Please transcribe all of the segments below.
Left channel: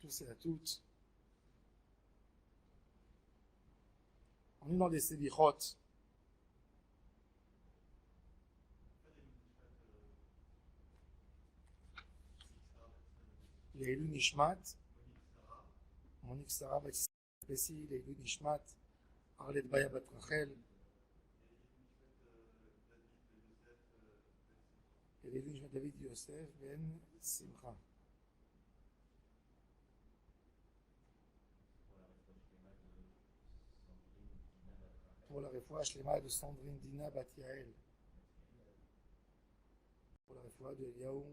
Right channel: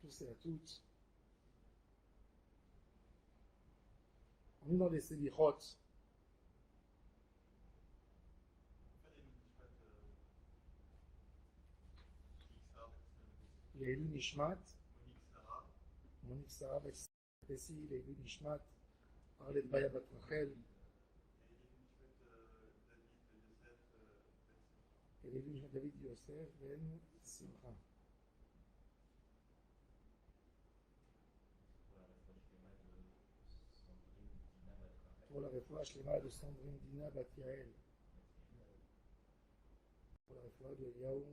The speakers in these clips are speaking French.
tous et à toutes. On est dans des selichot. Leilu Nishmat, Monique Sarah, Bessi, Leilu Nishmat, Arlet Baya Bat Rachel, Leilu Nishmat David Yosef, Ben Simcha. Pour la réfoua Shlema de Sandrine Dina Bat Yael. Pour la réfoua de Eliaou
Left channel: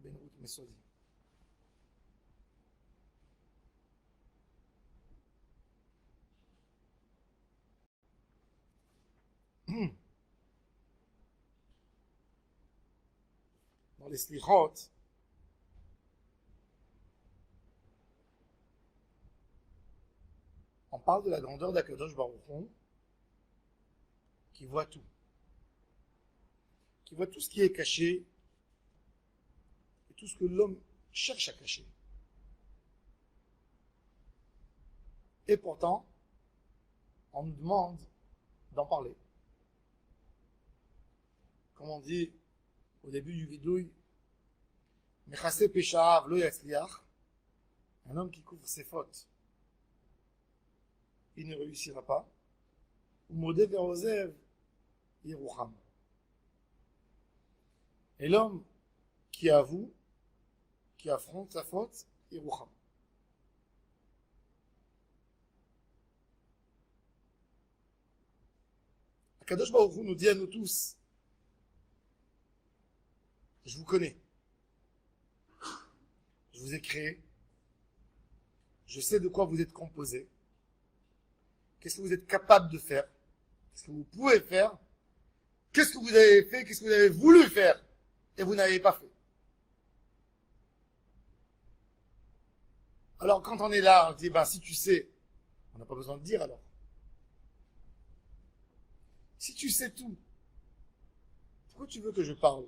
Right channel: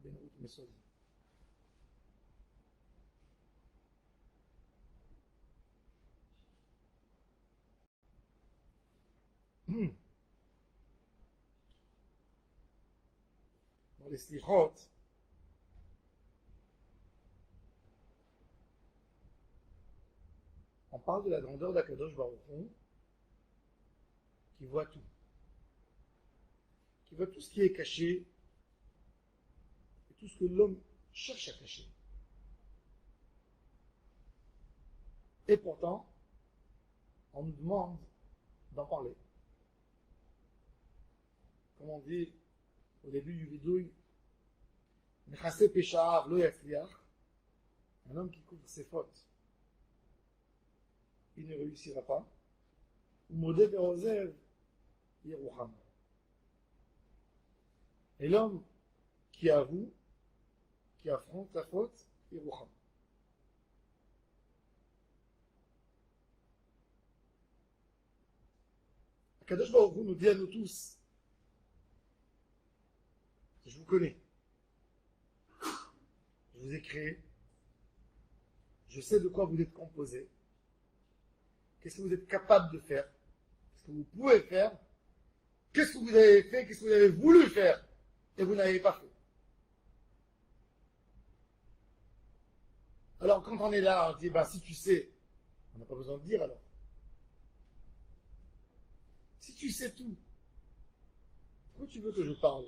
Ben Ruth Mesodi. Dans les slichot, on parle de la grandeur d'Akadosh Baruch Hu, qui voit tout. Qui voit tout ce qui est caché et tout ce que l'homme cherche à cacher. Et pourtant, on nous demande d'en parler. Comme on dit au début du vidouille, Mechase Pesha'av lo yatzliach, un homme qui couvre ses fautes, il ne réussira pas. Umode ve'ozev yerucham. Et l'homme qui avoue, qui affronte sa faute, yerucham. Akadosh Baruch Hu nous dit à nous tous, je vous connais, je vous ai créé, je sais de quoi vous êtes composé, qu'est-ce que vous êtes capable de faire, qu'est-ce que vous pouvez faire, qu'est-ce que vous avez fait, qu'est-ce que vous avez voulu faire, et vous n'avez pas fait. Alors quand on est là, on dit, si tu sais, on n'a pas besoin de dire alors. Si tu sais tout, pourquoi tu veux que je parle?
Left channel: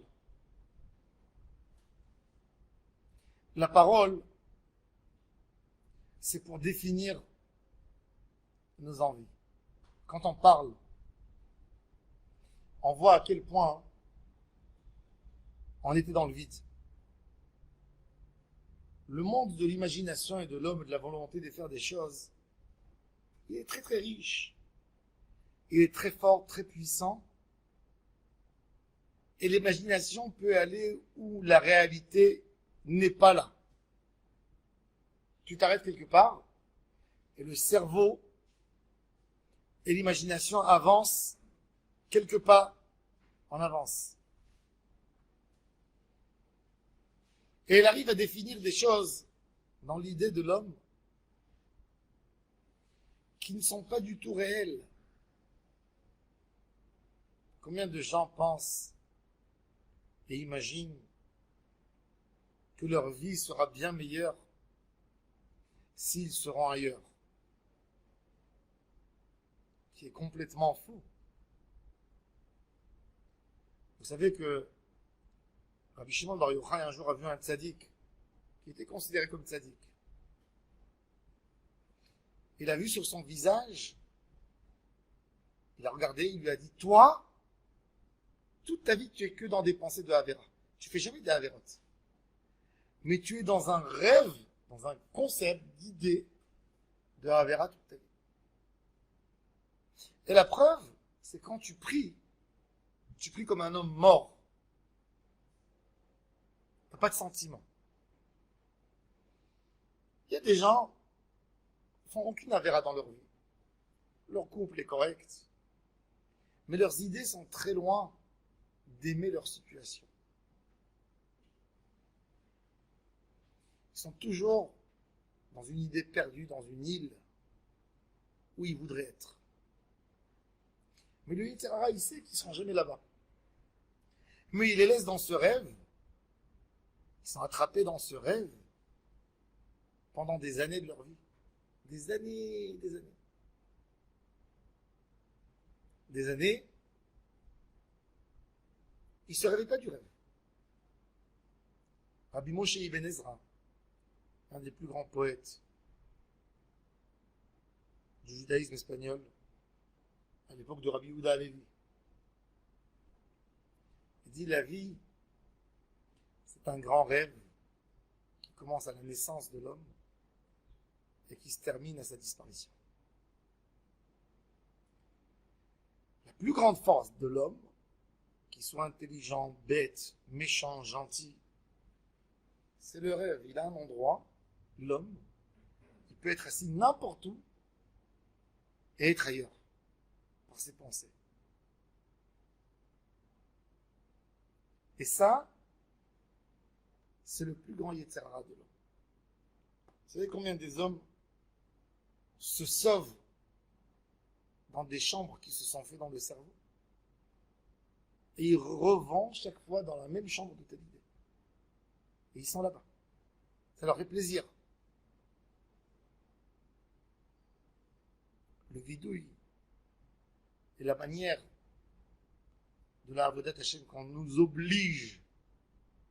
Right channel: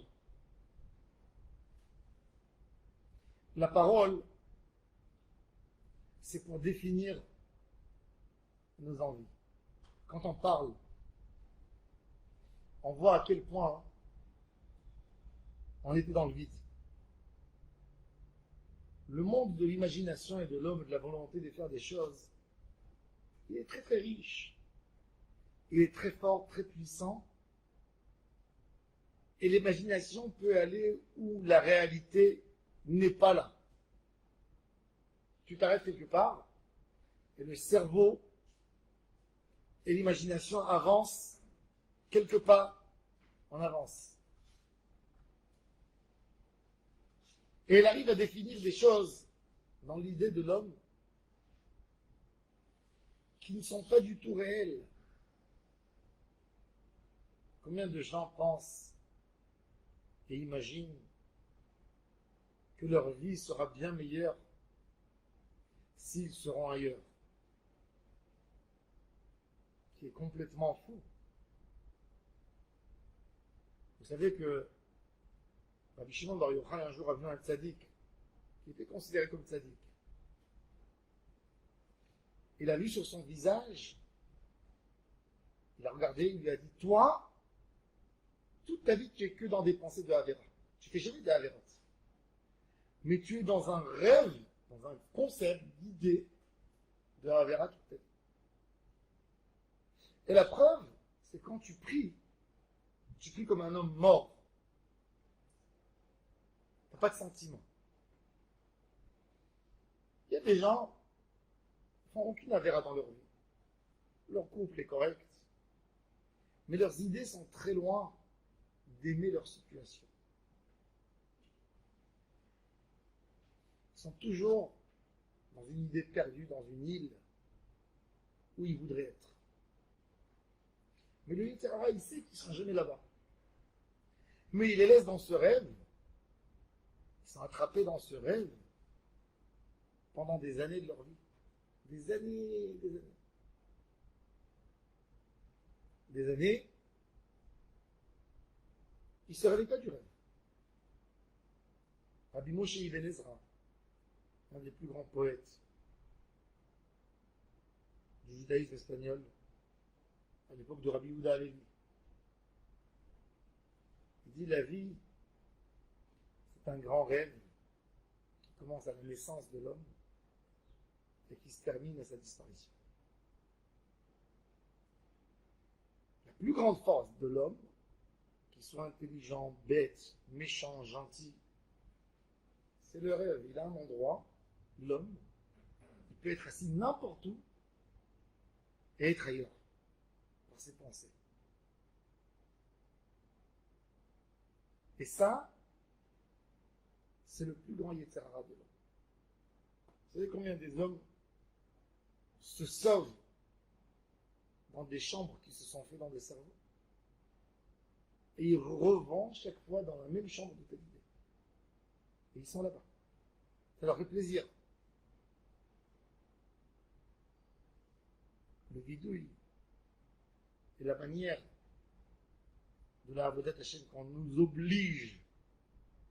La parole, c'est pour définir nos envies. Quand on parle, on voit à quel point on était dans le vide. Le monde de l'imagination et de l'homme et de la volonté de faire des choses, il est très très riche. Il est très fort, très puissant. Et l'imagination peut aller où la réalité n'est pas là. Tu t'arrêtes quelque part et le cerveau et l'imagination avancent quelque part en avance. Et elle arrive à définir des choses dans l'idée de l'homme qui ne sont pas du tout réelles. Combien de gens pensent et imaginent que leur vie sera bien meilleure s'ils seront ailleurs, qui est complètement faux. Vous savez que Rabbi Shimon Bar Yochai un jour a vu un tzaddik qui était considéré comme tzaddik. Il a vu sur son visage, il a regardé, il lui a dit, toi, toute ta vie tu es que dans des pensées de Havera. Tu fais jamais des Haverot. Mais tu es dans un rêve, dans un concept d'idée de Havera toute ta vie. Et la preuve, c'est quand tu pries comme un homme mort. Tu n'as pas de sentiment. Il y a des gens qui font aucune Havera dans leur vie. Leur couple est correct, mais leurs idées sont très loin d'aimer leur situation. Ils sont toujours dans une idée perdue, dans une île où ils voudraient être. Mais le Yetzer Hara, il sait qu'ils ne seront jamais là-bas. Mais il les laisse dans ce rêve. Ils sont attrapés dans ce rêve pendant des années de leur vie. Des années, des années. Des années, ils ne se réveillent pas du rêve. Rabbi Moshe Ibn Ezra, un des plus grands poètes du judaïsme espagnol, à l'époque de Rabbi Yehuda Halevi. Il dit la vie, c'est un grand rêve qui commence à la naissance de l'homme et qui se termine à sa disparition. La plus grande force de l'homme, qu'il soit intelligent, bête, méchant, gentil, c'est le rêve. Il a un endroit, l'homme, il peut être assis n'importe où et être ailleurs, par ses pensées. Et ça, c'est le plus grand Yetzer Hara de l'homme. Vous savez combien des hommes se sauvent dans des chambres qui se sont faites dans le cerveau? Et ils revendent chaque fois dans la même chambre de telle idée. Et ils sont là-bas. Ça leur fait plaisir. Le vidouille et la manière de la Avodat Hashem qu'on nous oblige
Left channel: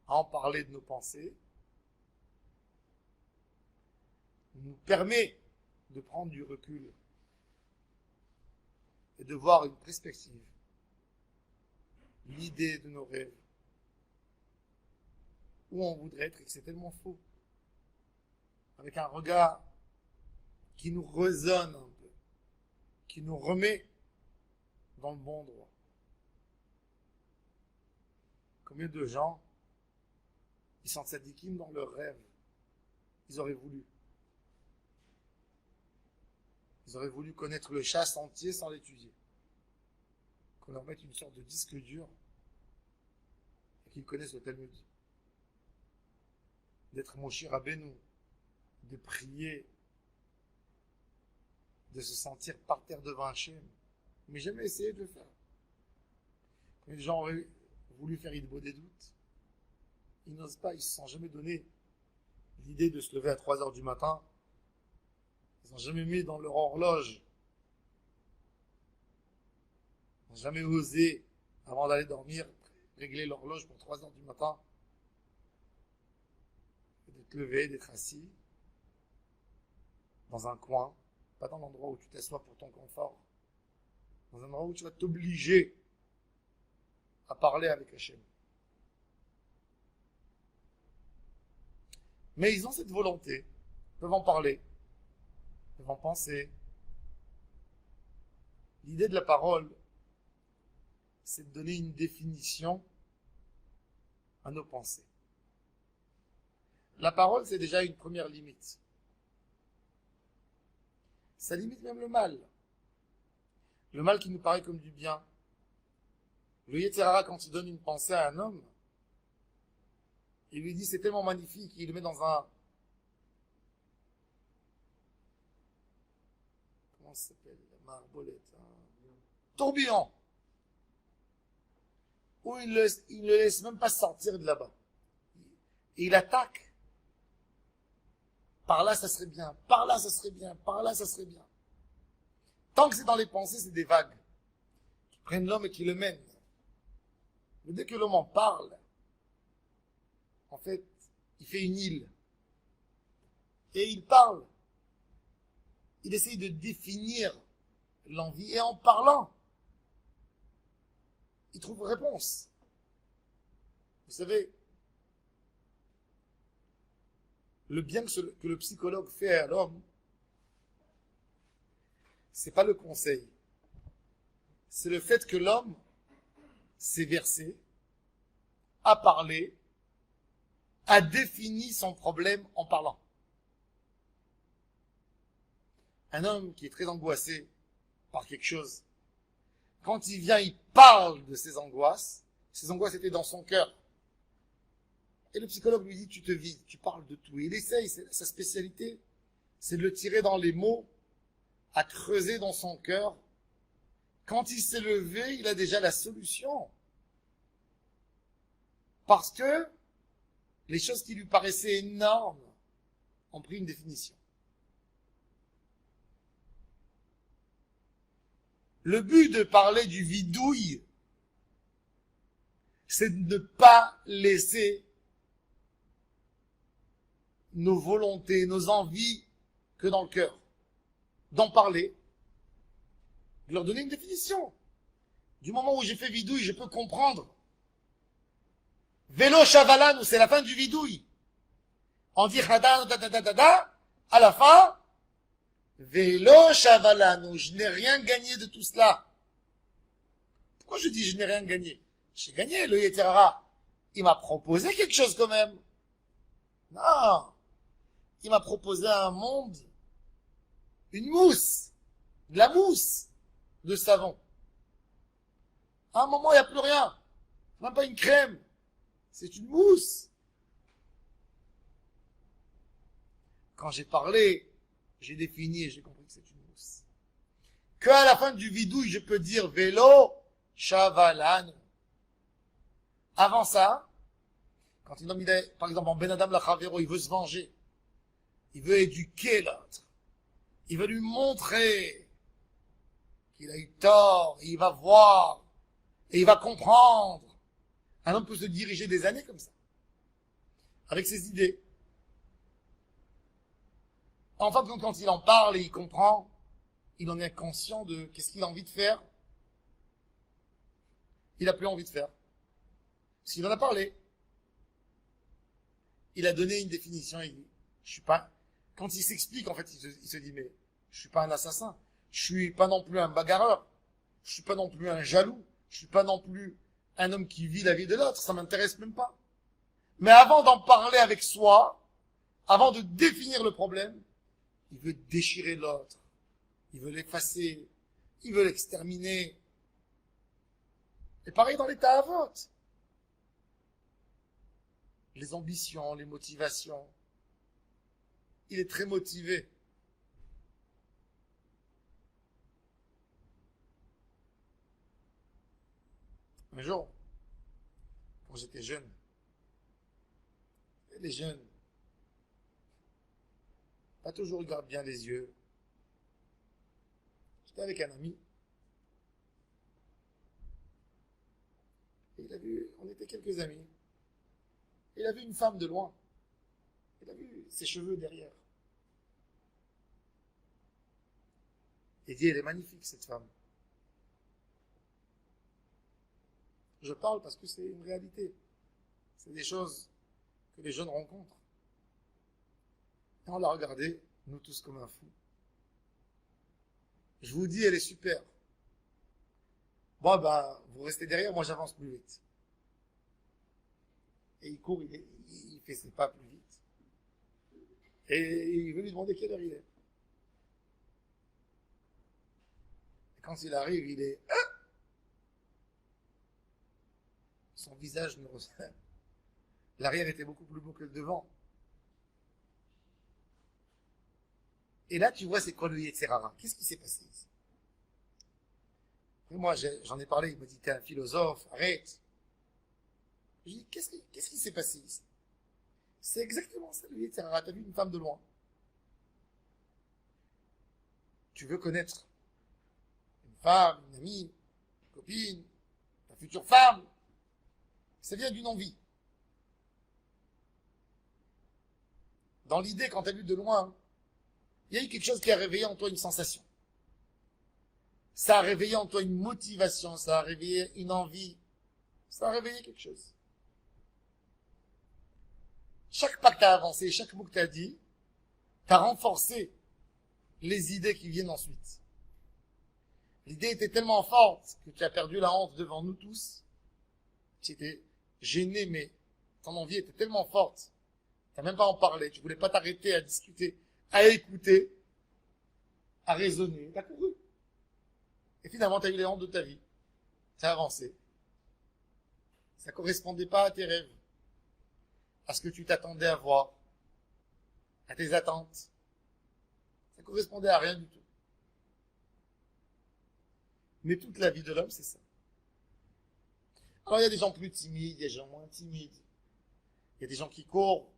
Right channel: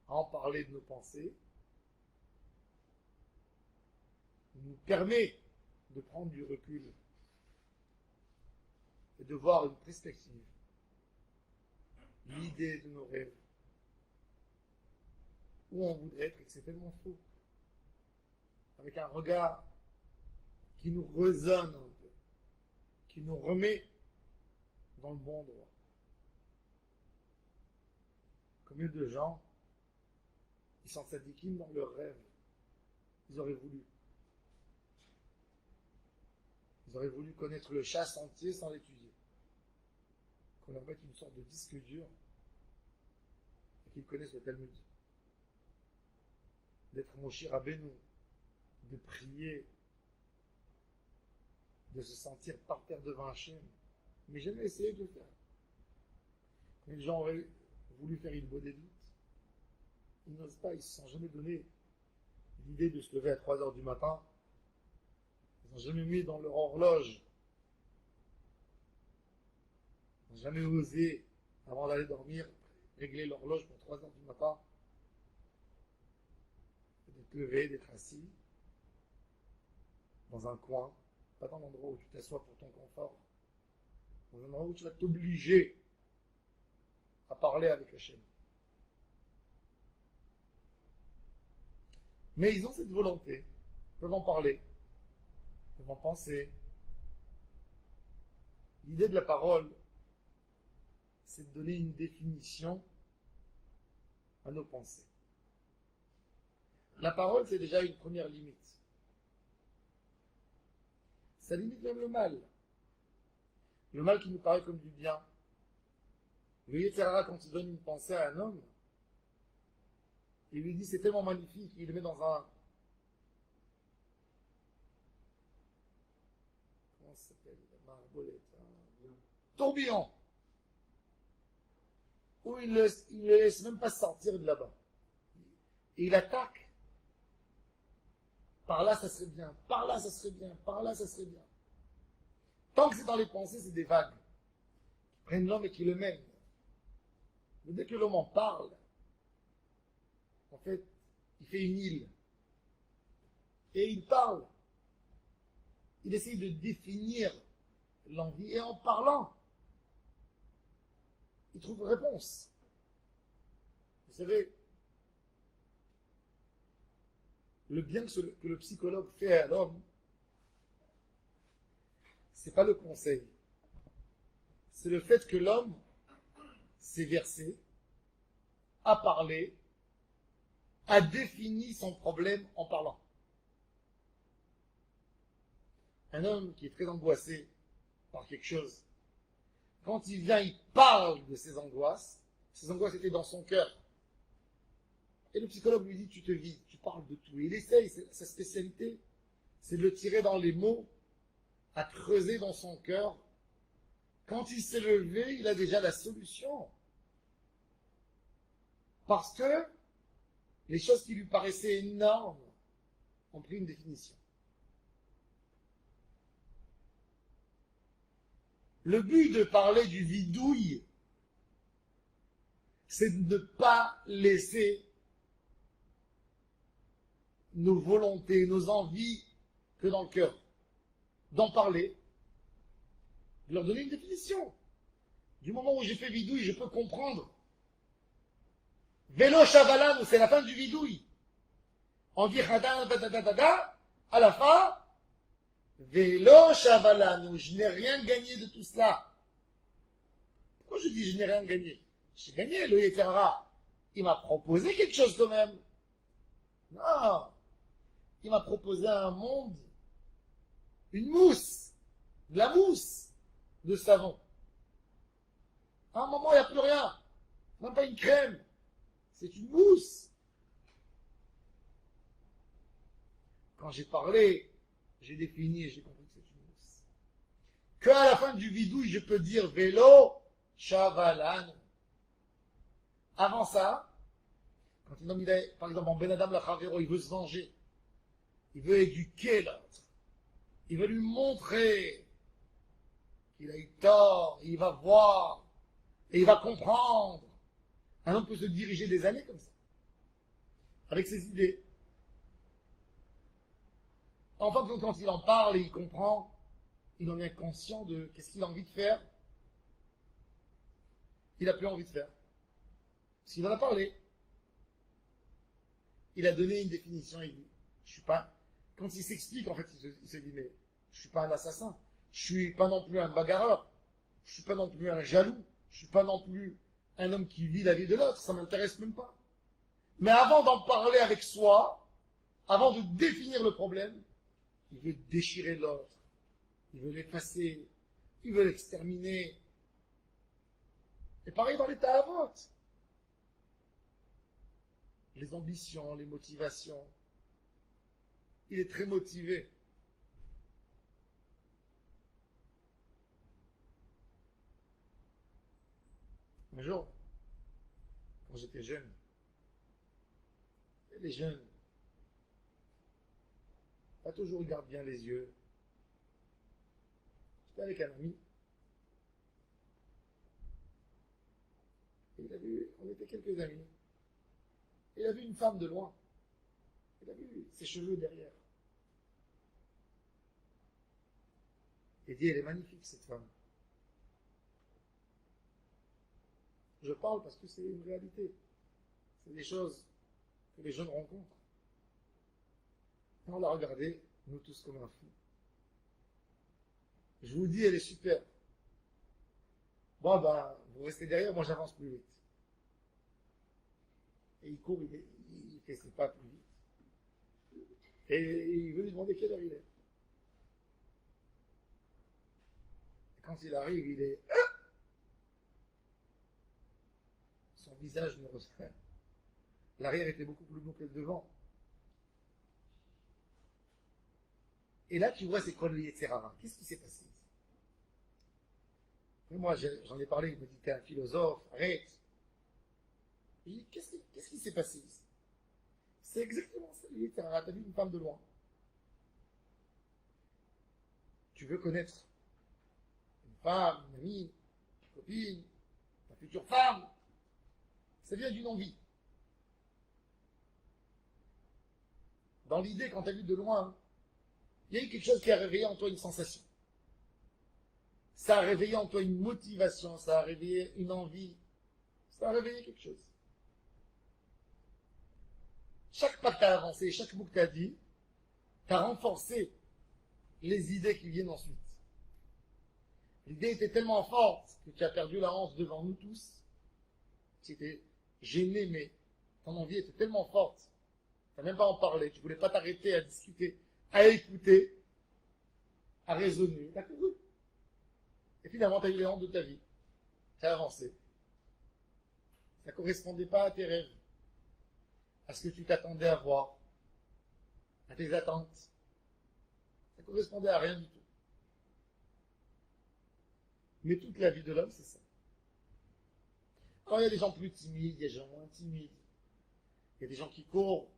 à en parler de nos pensées nous permet de prendre du recul et de voir une perspective, l'idée de nos rêves, où on voudrait être et que c'est tellement faux, avec un regard qui nous résonne un peu, qui nous remet dans le bon droit. Combien de gens, ils sont tzadikim dans leurs rêves, ils auraient voulu. Ils auraient voulu connaître le chasse entier sans l'étudier. Qu'on leur mette une sorte de disque dur et qu'ils connaissent le Talmud. D'être Moshe Rabbeinu, de prier, de se sentir par terre devant Hachem, mais jamais essayer de le faire. Quand les gens auraient voulu faire Idbo des doutes, ils n'osent pas, ils ne se sont jamais donné l'idée de se lever à 3 heures du matin. Ils n'ont jamais mis dans leur horloge. Ils n'ont jamais osé, avant d'aller dormir, régler l'horloge pour 3 heures du matin. Et de te lever, d'être assis dans un coin, pas dans l'endroit où tu t'assois pour ton confort, dans un endroit où tu vas t'obliger à parler avec Hachem. Mais ils ont cette volonté, ils peuvent en parler, ils peuvent en penser. L'idée de la parole, c'est de donner une définition à nos pensées. La parole, c'est déjà une première limite. Ça limite même le mal. Le mal qui nous paraît comme du bien. Le Yetzer Hara, quand il donne une pensée à un homme, il lui dit c'est tellement magnifique, il le met dans un... Comment ça s'appelle? La marbolette. Tourbillon. Où il ne le laisse même pas sortir de là-bas. Et il attaque. Par là, ça serait bien. Par là, ça serait bien. Par là, ça serait bien. Tant que c'est dans les pensées, c'est des vagues qui prennent l'homme et qui le mènent. Mais dès que l'homme en parle, en fait, il fait une île. Et il parle. Il essaye de définir l'envie. Et en parlant, il trouve réponse. Vous savez, le bien que le psychologue fait à l'homme, c'est pas le conseil. C'est le fait que l'homme s'est versé, a parlé, a défini son problème en parlant. Un homme qui est très angoissé par quelque chose, quand il vient, il parle de ses angoisses étaient dans son cœur. Et le psychologue lui dit, tu te vides, tu parles de tout. Et il essaye, sa spécialité, c'est de le tirer dans les mots, à creuser dans son cœur. Quand il s'est levé, il a déjà la solution. Parce que les choses qui lui paraissaient énormes ont pris une définition. Le but de parler du vidouille, c'est de ne pas laisser nos volontés, nos envies que dans le cœur. D'en parler, de leur donner une définition. Du moment où j'ai fait vidouille, je peux comprendre. Vélo chavalan, c'est la fin du vidouille. On dit hada, da, da, da, da, da, à la fin, vélo chavalan, je n'ai rien gagné de tout cela. Pourquoi je dis je n'ai rien gagné? J'ai gagné, le Yeterara. Il m'a proposé quelque chose quand même. Non. Il m'a proposé un monde, une mousse, de la mousse de savon. À un moment, il n'y a plus rien. Même pas une crème. C'est une mousse. Quand j'ai parlé, j'ai défini et j'ai compris que c'est une mousse. Qu'à la fin du vidouille, je peux dire vélo, chavalan. Avant ça, quand un homme, il est, par exemple, en Ben Adam Lachavero, il veut se venger. Il veut éduquer l'autre. Il veut lui montrer qu'il a eu tort. Et il va voir. Et il va comprendre. Un homme peut se diriger des années comme ça. Avec ses idées. Enfin, quand il en parle et il comprend, il en est conscient de qu'est-ce qu'il a envie de faire. Il n'a plus envie de faire. Parce qu'il en a parlé. Il a donné une définition. Il dit, je suis pas. Quand il s'explique, en fait, il se dit, mais je suis pas un assassin. Je suis pas non plus un bagarreur. Je suis pas non plus un jaloux. Je suis pas non plus un homme qui vit la vie de l'autre. Ça m'intéresse même pas. Mais avant d'en parler avec soi, avant de définir le problème, il veut déchirer l'autre. Il veut l'effacer. Il veut l'exterminer. Et pareil dans l'état à vote. Les ambitions, les motivations. Il est très motivé. Un jour, quand j'étais jeune, les jeunes, pas toujours ils gardent bien les yeux. J'étais avec un ami. Et il a vu, on était quelques amis. Il a vu une femme de loin. Il a vu ses cheveux derrière. Il dit, elle est magnifique cette femme. Je parle parce que c'est une réalité. C'est des choses que les jeunes rencontrent. Et on l'a regardée, nous tous comme un fou. Je vous dis, elle est super. Bon, ben, vous restez derrière, moi j'avance plus vite. Et il court, il fait ses pas plus vite. Et il veut lui demander quelle heure il est. Et quand il arrive, il est... Son visage ne ressemble. L'arrière était beaucoup plus beau que le devant. Et là, tu vois, c'est quoi le Yetzerara? Qu'est-ce qui s'est passé ici? Et moi, j'en ai parlé, il m'a dit, t'es un philosophe, arrête. Je dis, qu'est-ce qui s'est passé ici? C'est exactement ça, le Yetzerara. T'as vu une femme de loin. Tu veux connaître une femme, une amie, une copine, ta future femme. Ça vient d'une envie. Dans l'idée, quand tu as vu de loin, il y a eu quelque chose qui a réveillé en toi une sensation. Ça a réveillé en toi une motivation, ça a réveillé une envie, ça a réveillé quelque chose. Chaque pas que tu as avancé, chaque mot que tu as dit, tu as renforcé les idées qui viennent ensuite. L'idée était tellement forte que tu as perdu la honte devant nous tous. Tu étais gêné, mais ton envie était tellement forte. Tu n'as même pas en parler, tu voulais pas t'arrêter à discuter, à écouter, à raisonner. Tu as couru. Et finalement, tu as eu les hontes de ta vie. Tu as avancé. Ça ne correspondait pas à tes rêves, à ce que tu t'attendais à voir, à tes attentes. Ça ne correspondait à rien du tout. Mais toute la vie de l'homme, c'est ça. Alors, il y a des gens plus timides, il y a des gens moins timides. Il y a des gens qui courent.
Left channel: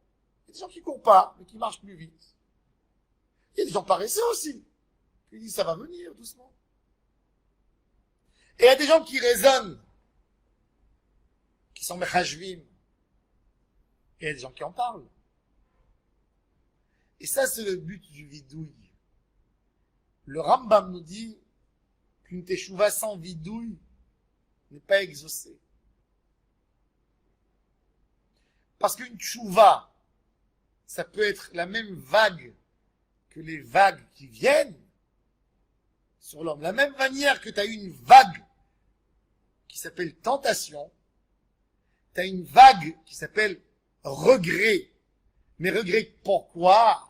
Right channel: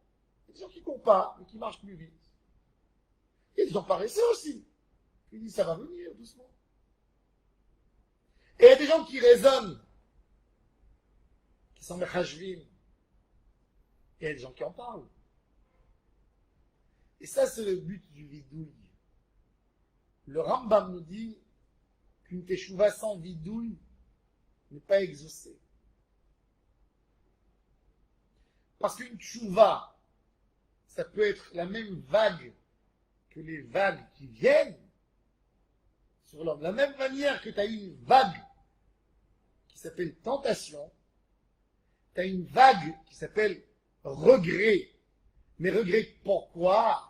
Il y a des gens qui ne courent pas, mais qui marchent plus vite. Il y a des gens paresseux aussi. Qui disent, ça va venir doucement. Et il y a des gens qui raisonnent, qui sont mechashvim. Et il y a des gens qui en parlent. Et ça, c'est le but du vidouille. Le Rambam nous dit qu'une teshuva sans vidouille n'est pas exaucée. Parce qu'une teshuva, ça peut être la même vague que les vagues qui viennent sur l'homme. De la même manière que tu as une vague qui s'appelle tentation, tu as une vague qui s'appelle regret. Mais regret pourquoi?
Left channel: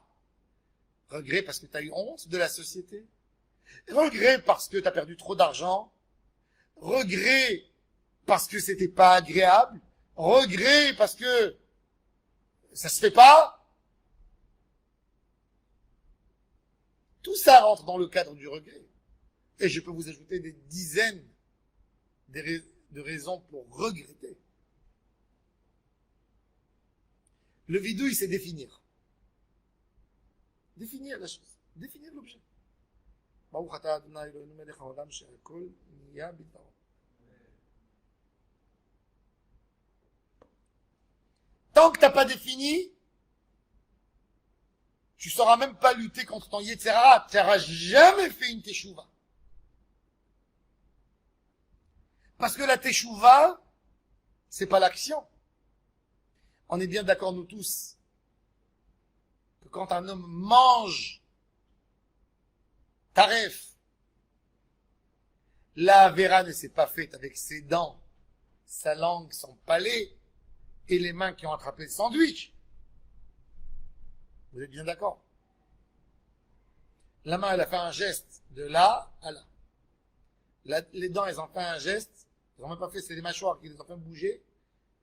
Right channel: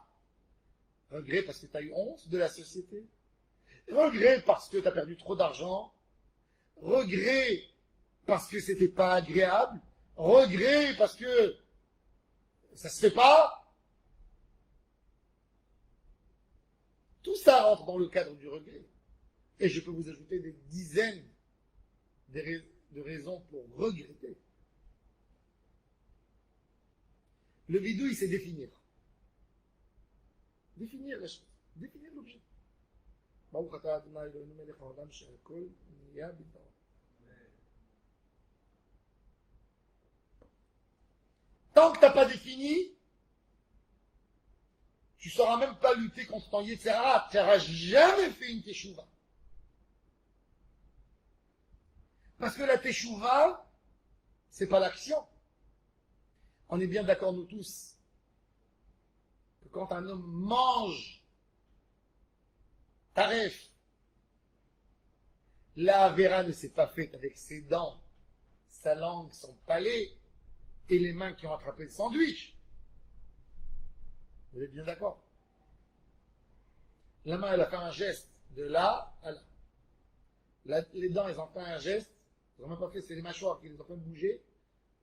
Regret parce que tu as eu honte de la société. Regret parce que tu as perdu trop d'argent. Regret parce que c'était pas agréable. Regret parce que ça se fait pas. Tout ça rentre dans le cadre du regret. Et je peux vous ajouter des dizaines de raisons pour regretter. Le vidouille, c'est définir. Définir la chose. Définir l'objet. Tant que tu n'as pas défini, tu ne sauras même pas lutter contre ton Yetzera. Tu n'auras jamais fait une teshuva. Parce que la teshuva, c'est pas l'action. On est bien d'accord, nous tous, que quand un homme mange taref, la Avera ne s'est pas faite avec ses dents, sa langue, son palais et les mains qui ont attrapé le sandwich. Vous êtes bien d'accord? La main, elle a fait un geste de là à là. Les dents, elles ont fait un geste. Ils n'ont même pas fait, c'est les mâchoires qui les ont fait bouger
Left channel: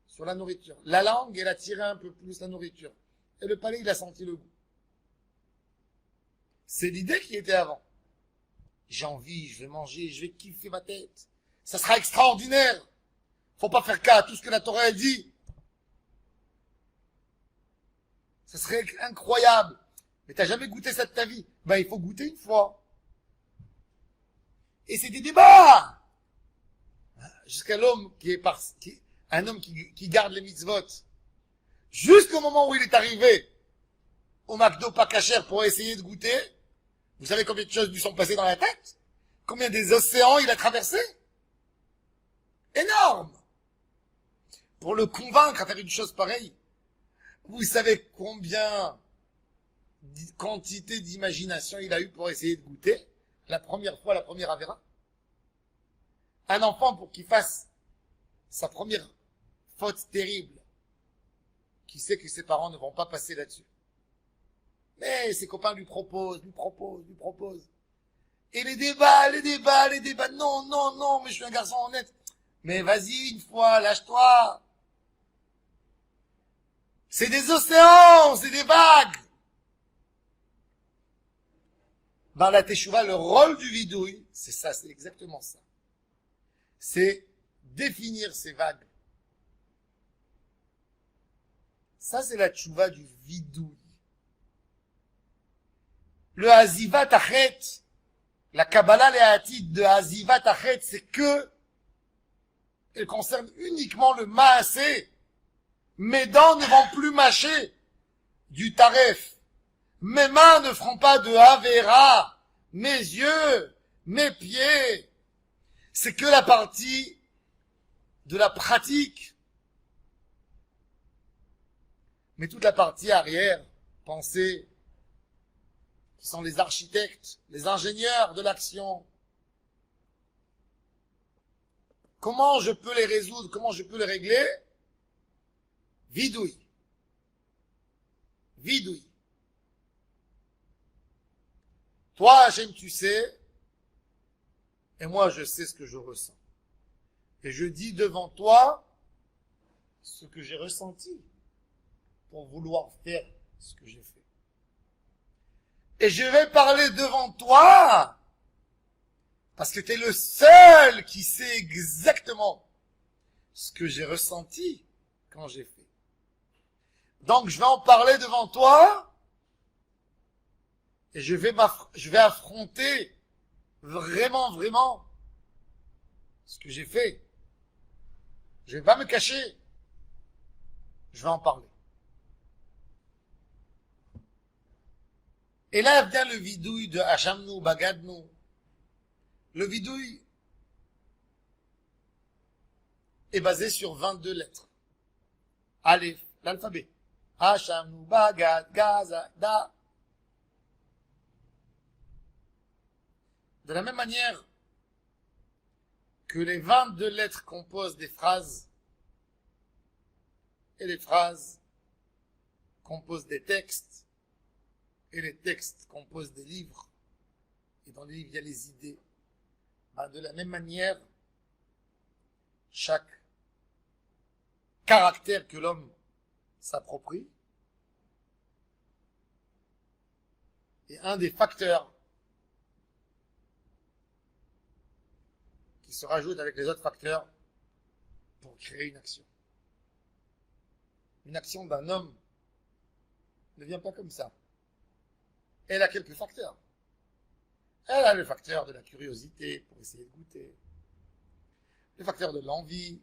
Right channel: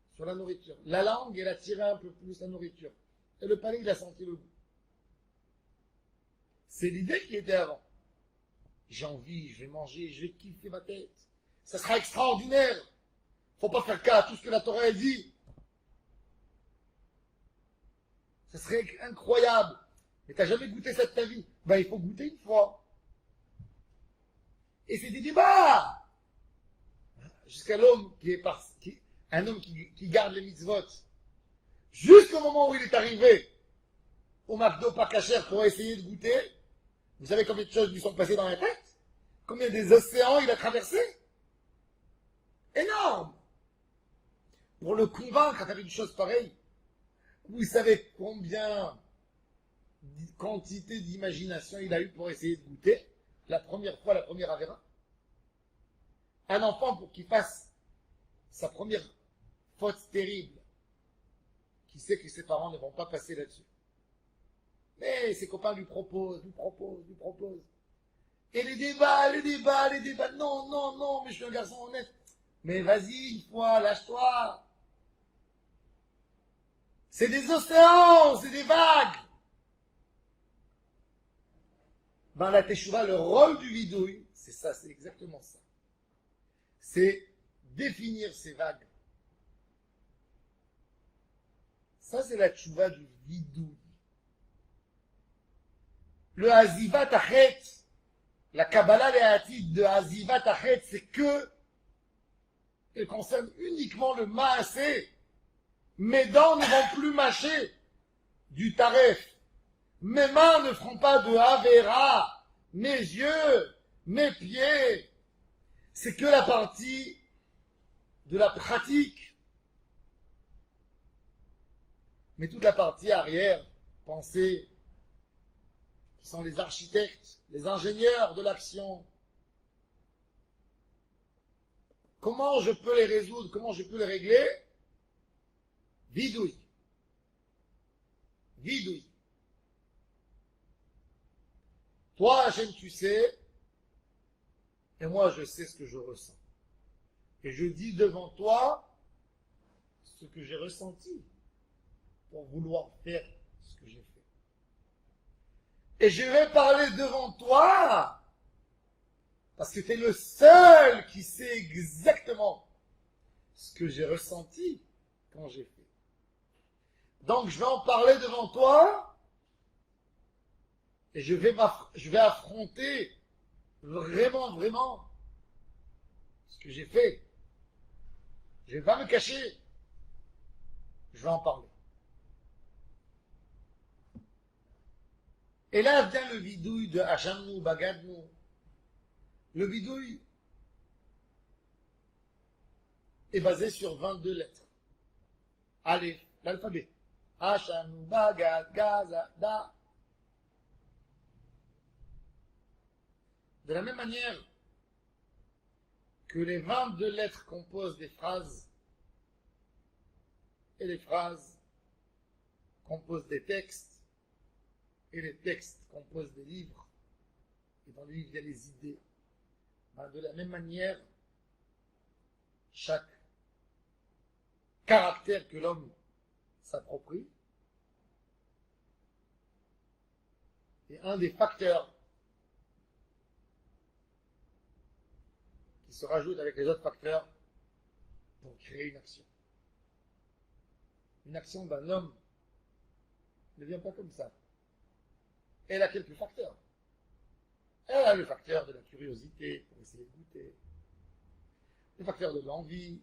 sur la nourriture. La langue, elle a tiré un peu plus la nourriture. Et le palais, il a senti le goût. C'est l'idée qui était avant. J'ai envie, je vais manger, je vais kiffer ma tête. Ça sera extraordinaire. Faut pas faire cas à tout ce que la Torah a dit. Ça serait incroyable. Mais t'as jamais goûté ça de ta vie. Ben, il faut goûter une fois. Et c'est des débats. Jusqu'à l'homme un homme qui garde les mitzvot. Jusqu'au moment où il est arrivé au McDo pas cachère pour essayer de goûter. Vous savez combien de choses lui sont passées dans la tête? Combien des océans il a traversé? Énorme. Pour le convaincre à faire une chose pareille. Vous savez combien quantité d'imagination il a eu pour essayer de goûter la première fois, la première Avera? Un enfant, pour qu'il fasse sa première faute terrible, qui sait que ses parents ne vont pas passer là-dessus. Mais ses copains lui proposent. Et les débats. Non, non, non, mais je suis un garçon honnête. Mais vas-y, une fois, lâche-toi. C'est des océans, c'est des vagues. Dans la teshuva, le rôle du vidouille, c'est ça, c'est exactement ça. C'est définir ces vagues. Ça, c'est la teshuva du vidouille. Le Hazivat Achet, la Kabbalah Léatide de Hazivat Achet, c'est que elle concerne uniquement le Maasé. Mes dents ne vont plus mâcher du taref. Mes mains ne feront pas de Avera. Mes yeux, mes pieds. C'est que la partie de la pratique. Mais toute la partie arrière, pensée, qui sont les architectes, les ingénieurs de l'action. Comment je peux les résoudre? Comment je peux les régler? Vidouille. Vidouille. Toi, Hachem, tu sais, et moi, je sais ce que je ressens. Et je dis devant toi ce que j'ai ressenti pour vouloir faire ce que j'ai fait. Et je vais parler devant toi parce que tu es le seul qui sait exactement ce que j'ai ressenti quand j'ai fait. Donc je vais en parler devant toi et je vais affronter vraiment ce que j'ai fait. Je ne vais pas me cacher. Je vais en parler. Et là vient le vidouille de Hachamnu, Bagadnu. Le vidouille est basé sur 22 lettres. Aleph, l'alphabet. Hachamnu, Bagad, Gaza, Da. De la même manière que les 22 lettres composent des phrases, et les phrases composent des textes, et les textes composent des livres, et dans les livres il y a les idées, de la même manière, chaque caractère que l'homme s'approprie est un des facteurs qui se rajoutent avec les autres facteurs pour créer une action. Une action d'un homme ne vient pas comme ça. Elle a quelques facteurs. Elle a le facteur de la curiosité pour essayer de goûter, le facteur de l'envie,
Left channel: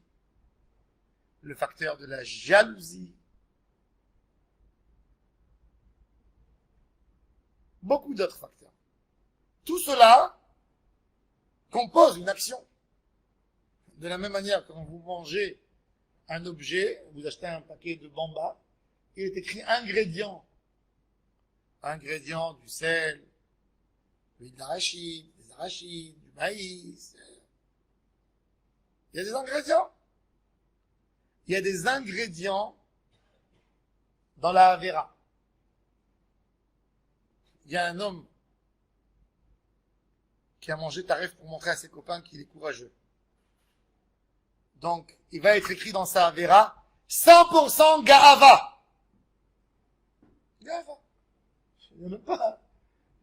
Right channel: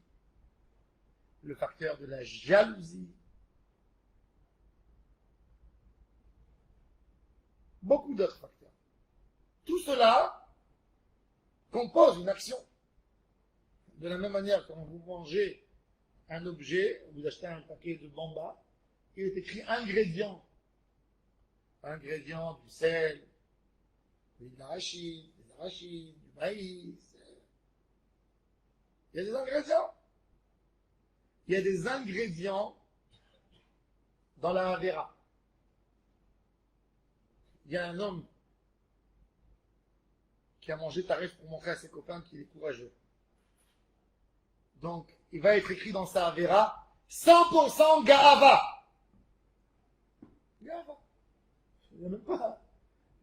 le facteur de la jalousie, beaucoup d'autres facteurs. Tout cela compose une action. De la même manière, quand vous mangez un objet, vous achetez un paquet de bamba, il est écrit ingrédients. Ingrédients du sel, l'huile d'arachide, des arachides, du maïs. Il y a des ingrédients. Il y a des ingrédients dans la Avera. Il y a un homme qui a mangé tarif pour montrer à ses copains qu'il est courageux. Donc, il va être écrit dans sa Avera 100% Garava. Garava.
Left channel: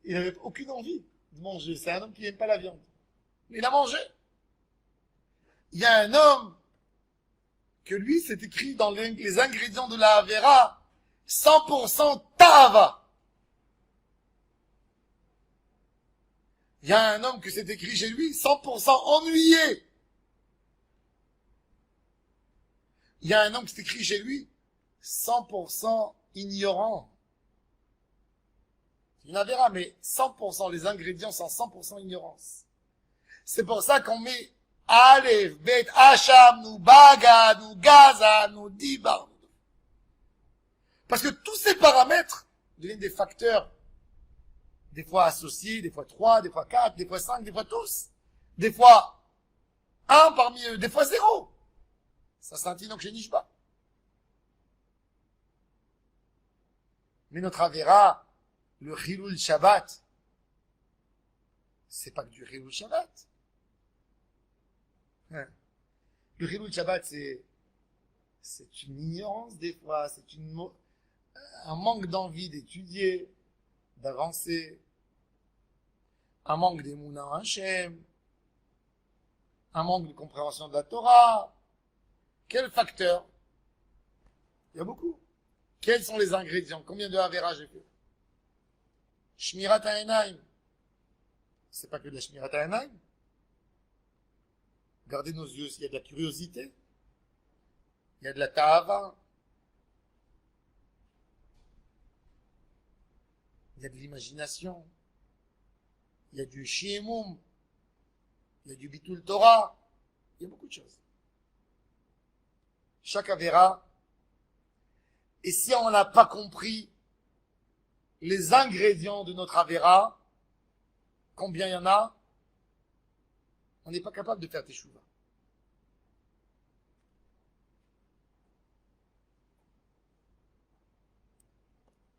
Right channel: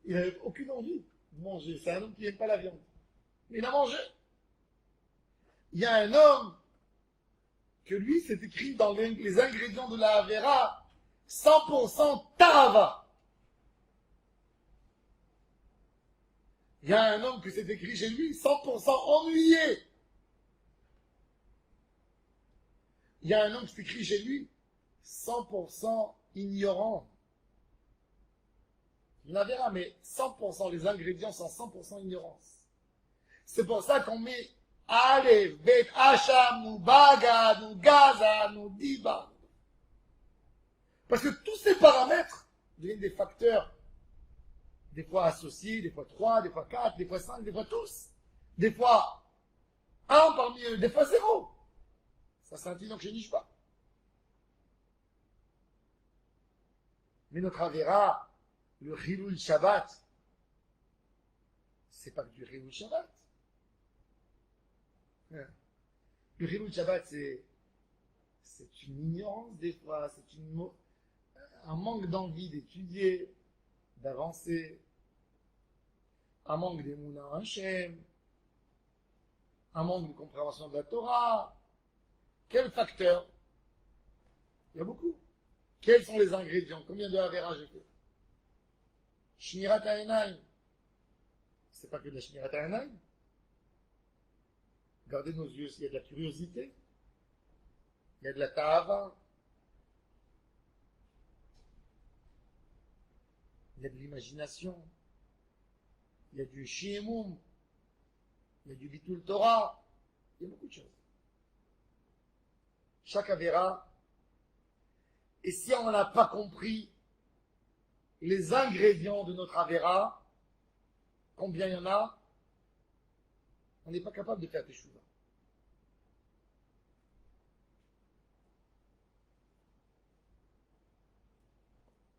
Il n'avait aucune envie de manger. C'est un homme qui n'aime pas la viande. Mais il a mangé. Il y a un homme que lui, c'est écrit dans les ingrédients de la Avera 100% Tava. Il y a un homme que c'est écrit chez lui 100% ennuyé. Il y a un homme qui s'écrit chez lui 100% ignorant. Il en verra, mais 100%, les ingrédients sont 100% ignorance. C'est pour ça qu'on met Aleph, Bet, Hacham, nous Baga, nous Gaza, nous Diba. Parce que tous ces paramètres deviennent des facteurs, des fois associés, des fois 3, des fois 4, des fois 5, des fois tous. Des fois 1 parmi eux, des fois 0. Ça c'est un tino que je niche pas. Mais notre Avera, le Chilul Shabbat, c'est pas que du Chilul Shabbat. Le Chilul Shabbat, c'est une ignorance des fois, c'est un manque d'envie d'étudier, d'avancer, un manque d'émouna en Hachem, un manque de compréhension de la Torah. Quel facteur? Il y a beaucoup. Quels sont les ingrédients? Combien de Avera j'ai fait? Shmirat ha'enaim. C'est pas que de la Shmirat ha'enaim. Gardez nos yeux, il y a de la curiosité, il y a de la ta'ava, il y a de l'imagination, il y a du shi'emum, il y a du bitul Torah, il y a beaucoup de choses. Chaque Avera, et si on n'a pas compris les ingrédients de notre Avera, combien il y en a, on n'est pas capable de faire teshuva.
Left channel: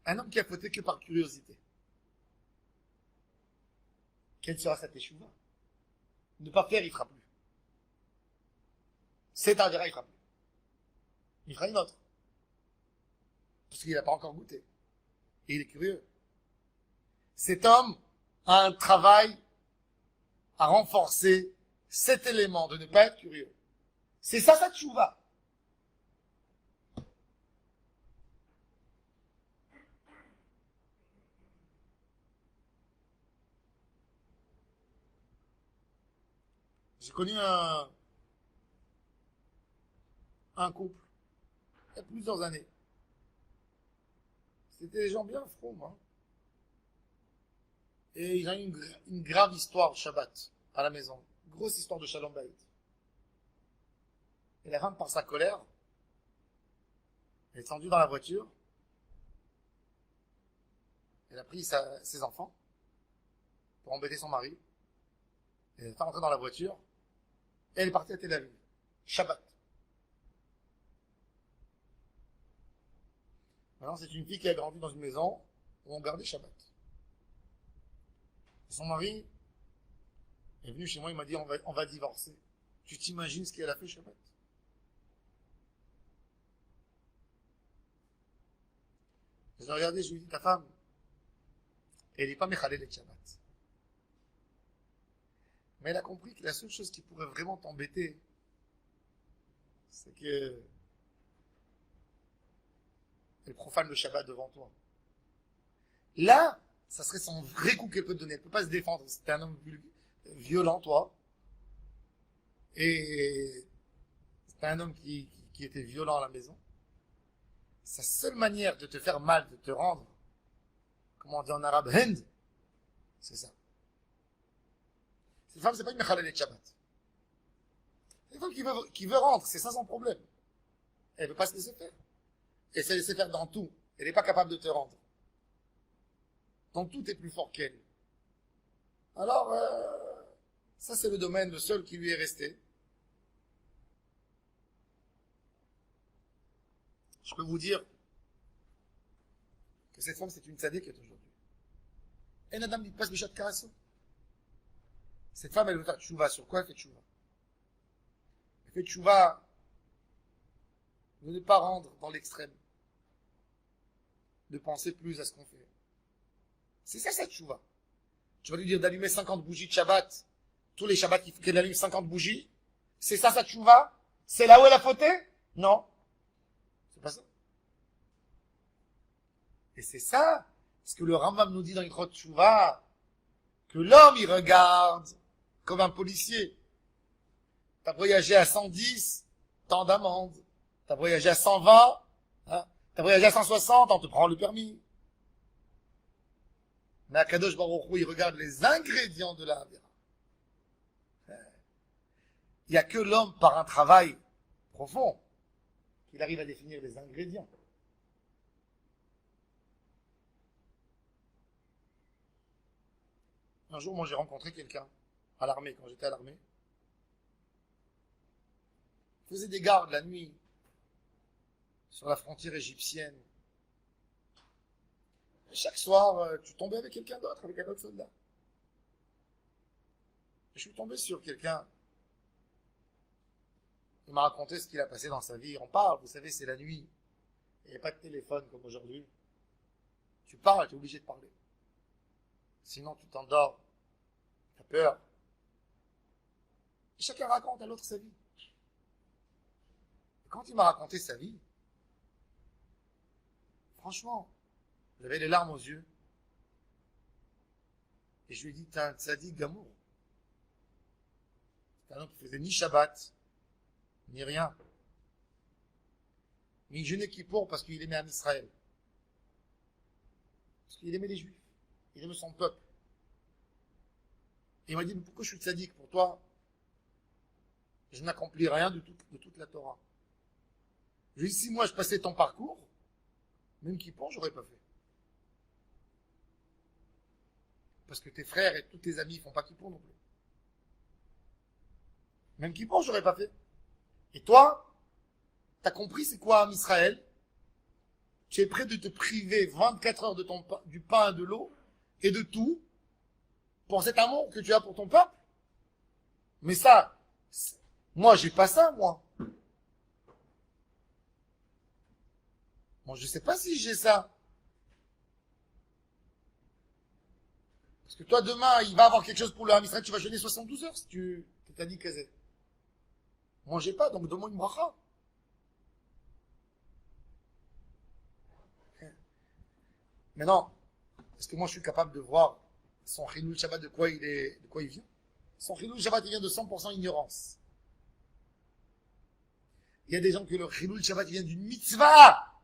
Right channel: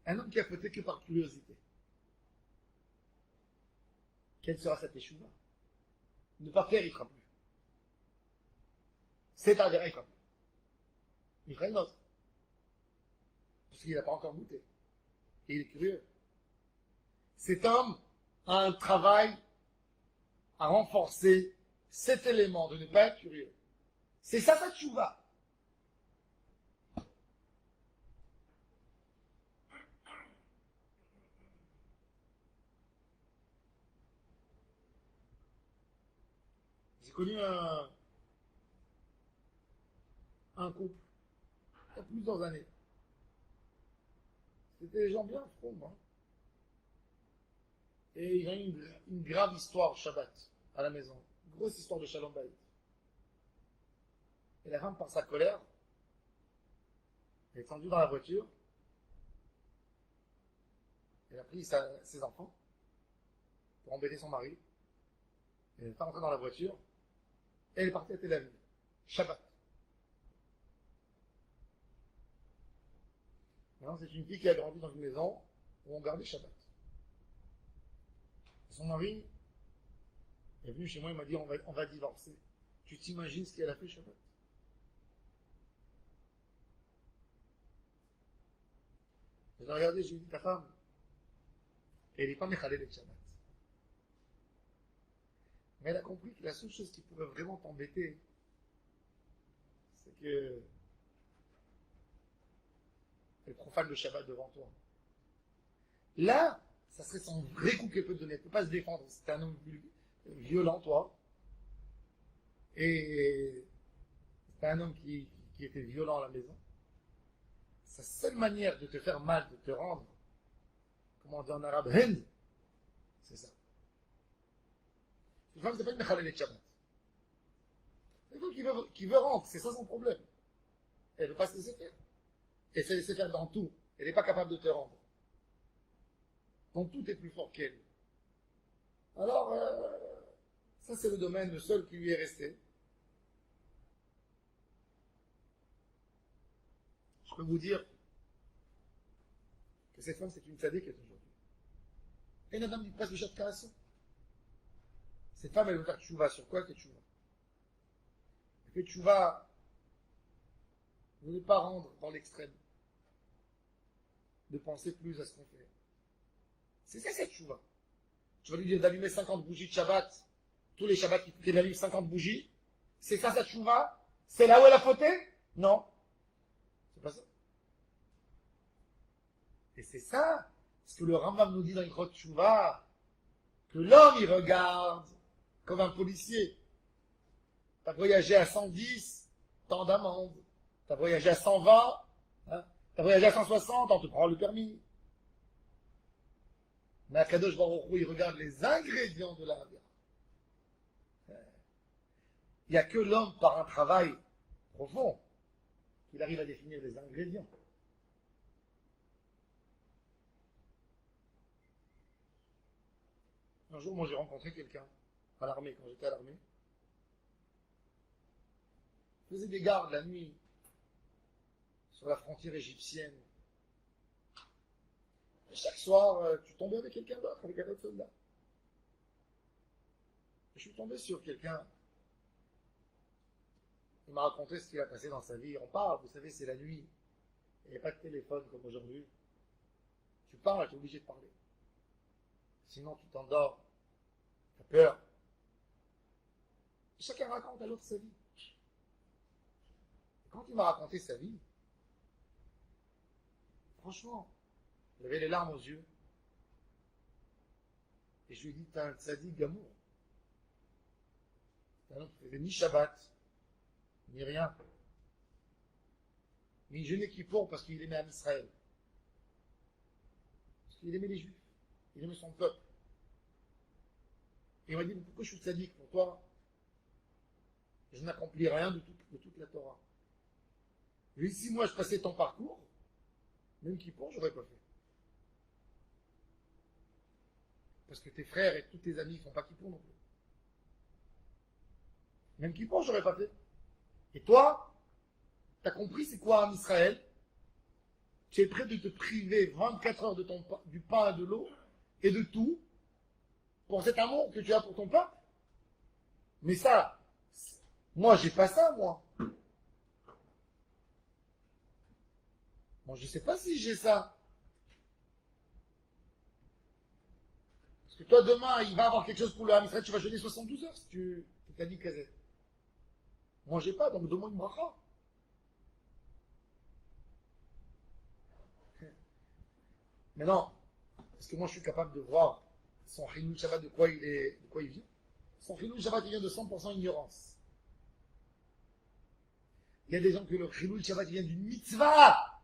Un homme qui a fauté que par curiosité, quelle sera sa teshuva? Ne pas faire, il ne fera plus. C'est Avera, il ne fera plus. Il fera une autre. Parce qu'il n'a pas encore goûté. Et il est curieux. Cet homme a un travail à renforcer cet élément de ne pas être curieux. C'est ça sa tchouva. J'ai connu un couple il y a plusieurs années. C'était des gens bien froms, hein. Et ils ont eu une grave histoire Shabbat à la maison. Grosse histoire de Shalom Bayit. Et la femme, par sa colère, elle est tendue dans la voiture. Elle a pris ses enfants pour embêter son mari. Elle est rentrée dans la voiture. Et elle est partie à Tel Aviv. Shabbat. Maintenant, c'est une fille qui a grandi dans une maison où on gardait Shabbat. Son mari est venu chez moi, il m'a dit on va divorcer. Tu t'imagines ce qu'elle a fait Shabbat? Je l'ai regardé, je lui ai dit ta femme, elle n'est pas méchalée de Shabbat. Mais elle a compris que la seule chose qui pourrait vraiment t'embêter, c'est que elle profane le Shabbat devant toi. Là, ça serait son vrai coup qu'elle peut te donner. Elle ne peut pas se défendre. C'était un homme violent, toi. Et c'était un homme qui était violent à la maison. Sa seule manière de te faire mal, de te rendre, comment on dit en arabe, Hind, c'est ça. Cette femme, c'est pas une mechalel et Shabbat. C'est une femme qui veut rendre, c'est ça son problème. Elle ne veut pas se laisser faire. Elle se laisser faire dans tout. Elle n'est pas capable de te rendre. Donc tout est plus fort qu'elle. Alors, ça c'est le domaine, le seul qui lui est resté. Je peux vous dire que cette femme c'est une tzaddik aujourd'hui. Et Nadam dit pas Bishat Karasso. Cette femme elle veut faire tchouva. Sur quoi elle fait tchouva? Elle fait tchouva de ne pas rendre dans l'extrême. De penser plus à ce qu'on fait. C'est ça cette tchouva. Tu vas lui dire d'allumer 50 bougies de Shabbat. Tous les Shabbats qu'elle allume 50 bougies. C'est ça sa tchouva? C'est là où elle a fauté? Non. C'est pas ça. Et c'est ça ce que le Rambam nous dit dans Ilchot Tchouva. Que l'homme il regarde comme un policier. T'as voyagé à 110, tant d'amende. T'as voyagé à 120, hein? T'as voyagé à 160, on te prend le permis. Mais Akadosh Baruch Hu, il regarde les ingrédients de la Havira. Il n'y a que l'homme, par un travail profond, qu'il arrive à définir les ingrédients. Un jour, moi, j'ai rencontré quelqu'un à l'armée, quand j'étais à l'armée. Il faisait des gardes la nuit sur la frontière égyptienne. Et chaque soir, tu tombais avec quelqu'un d'autre, avec un autre soldat. Et je suis tombé sur quelqu'un. Il m'a raconté ce qu'il a passé dans sa vie. On parle, vous savez, c'est la nuit. Il n'y a pas de téléphone comme aujourd'hui. Tu parles, tu es obligé de parler. Sinon, tu t'endors. Tu as peur. Et chacun raconte à l'autre sa vie. Et quand il m'a raconté sa vie, franchement, j'avais les larmes aux yeux. Et je lui ai dit, t'es un tzaddik gamour. T'es un homme qui faisait ni Shabbat, ni rien. Mais il jeûnait Kippour parce qu'il aimait Israël. Parce qu'il aimait les Juifs. Il aimait son peuple. Et il m'a dit, mais pourquoi je suis tzaddik pour toi? Je n'accomplis rien de toute la Torah. Je lui ai dit, si moi je passais ton parcours, même Kippour, j'aurais pas fait. Parce que tes frères et tous tes amis ne font pas Kippour non plus. Même Kippour, j'aurais pas fait. Et toi, tu as compris c'est quoi Israël? Tu es prêt de te priver 24 heures du pain et de l'eau et de tout pour cet amour que tu as pour ton peuple? Mais ça, moi, j'ai pas ça, moi. Moi, je sais pas si j'ai ça. Parce que toi, demain, il va avoir quelque chose pour le Ham Israël, tu vas jeûner 72 heures si tu t'as dit Kazé. Moi, j'ai pas, donc donne-moi une bracha. Maintenant, est-ce que moi, je suis capable de voir son Chilul Shabbat de quoi il vient? Son Chilul Shabbat, il vient de 100% ignorance. Il y a des gens que le Chilul Shabbat, il vient d'une mitzvah.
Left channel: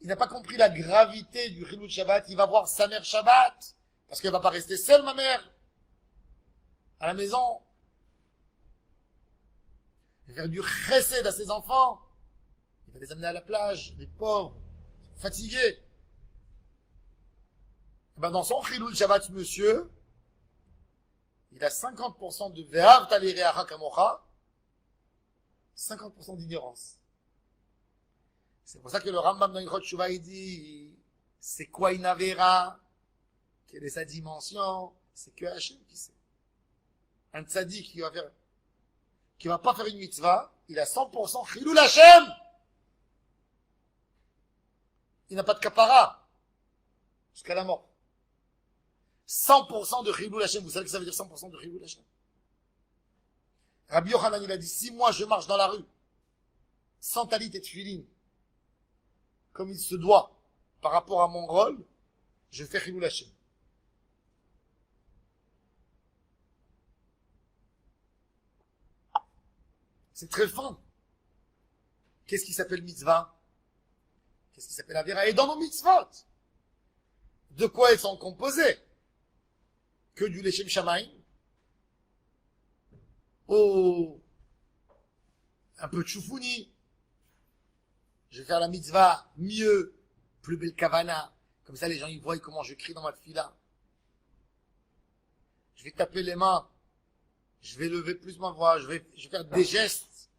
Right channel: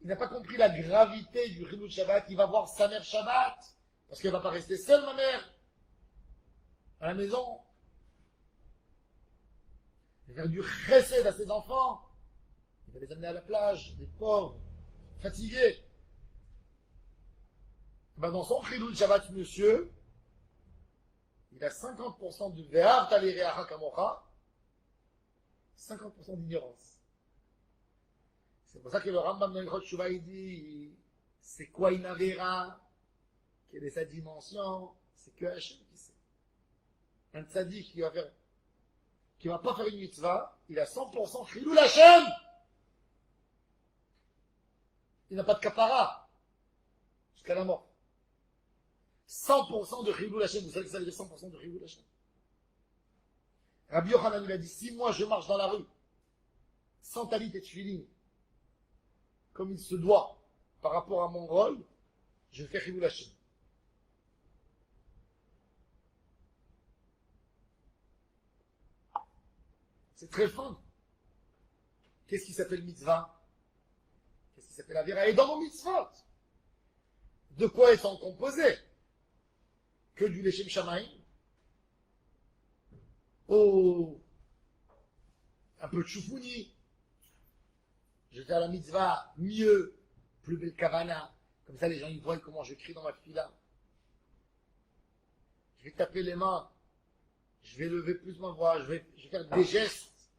Il n'a pas compris la gravité du Chilul Shabbat. Il va voir sa mère Shabbat. Parce qu'elle ne va pas rester seule, ma mère, à la maison. Il va faire du chesed à ses enfants. Il va les amener à la plage, les pauvres, fatigués. Et ben dans son chilul Shabbat, monsieur, il a 50% de ve'av talireacha kamocha, 50% d'ignorance. C'est pour ça que le Rambam dans Ilchot Tshuva, il dit, c'est quoi une avera? Quelle est sa dimension? C'est que Hachem qui sait. Un tzaddik qui va pas faire une mitzvah, il a 100% chilul Hachem. Il n'a pas de kapara jusqu'à la mort. 100% de chilul Hachem. Vous savez que ça veut dire 100% de chilul Hachem. Rabbi Yochanan, il a dit, si moi je marche dans la rue, sans talit et tefillin, comme il se doit, par rapport à mon rôle, je fais chilul Hachem. C'est très fin. Qu'est-ce qui s'appelle mitzvah? Qu'est-ce qui s'appelle avera? Et dans nos mitzvot, de quoi elles sont composées? Que du lechem shamaim? Oh, un peu de choufouni. Je vais faire la mitzvah mieux, plus belle kavana. Comme ça, les gens ils voient comment je crie dans ma fila. Je vais taper les mains. Je vais lever plus ma voix. Je vais faire des gestes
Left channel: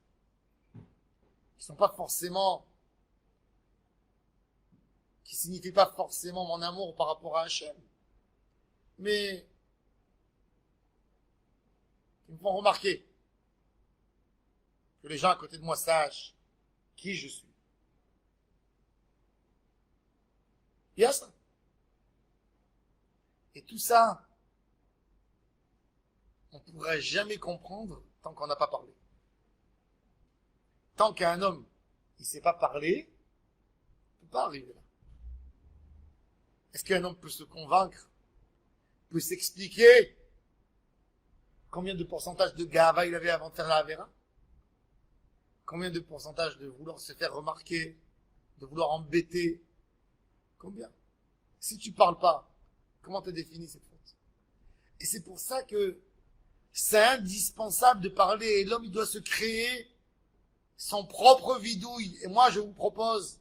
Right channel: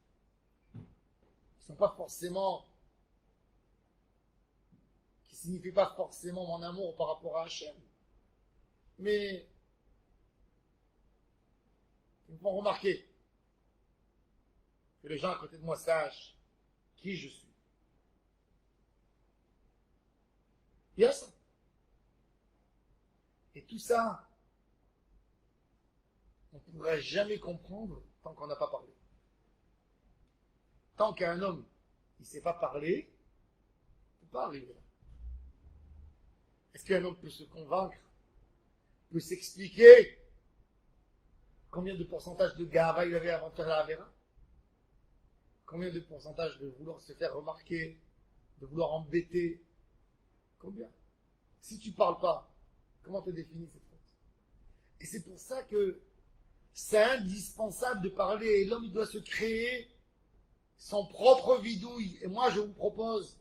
qui sont pas forcément, qui signifient pas forcément mon amour par rapport à Hachem, mais qui me font remarquer que les gens à côté de moi sachent qui je suis. Il y a ça. Et tout ça, on ne pourra jamais comprendre tant qu'on n'a pas parlé. Tant qu'un homme, il ne sait pas parler, il ne peut pas arriver là. Est-ce qu'un homme peut se convaincre, peut s'expliquer combien de pourcentage de gava il avait avant de faire la Avera? Combien de pourcentage de vouloir se faire remarquer, de vouloir embêter? Combien? Si tu ne parles pas, comment tu définis cette faute? Et c'est pour ça que c'est indispensable de parler. Et l'homme, il doit se créer son propre vidouille. Et moi, je vous propose,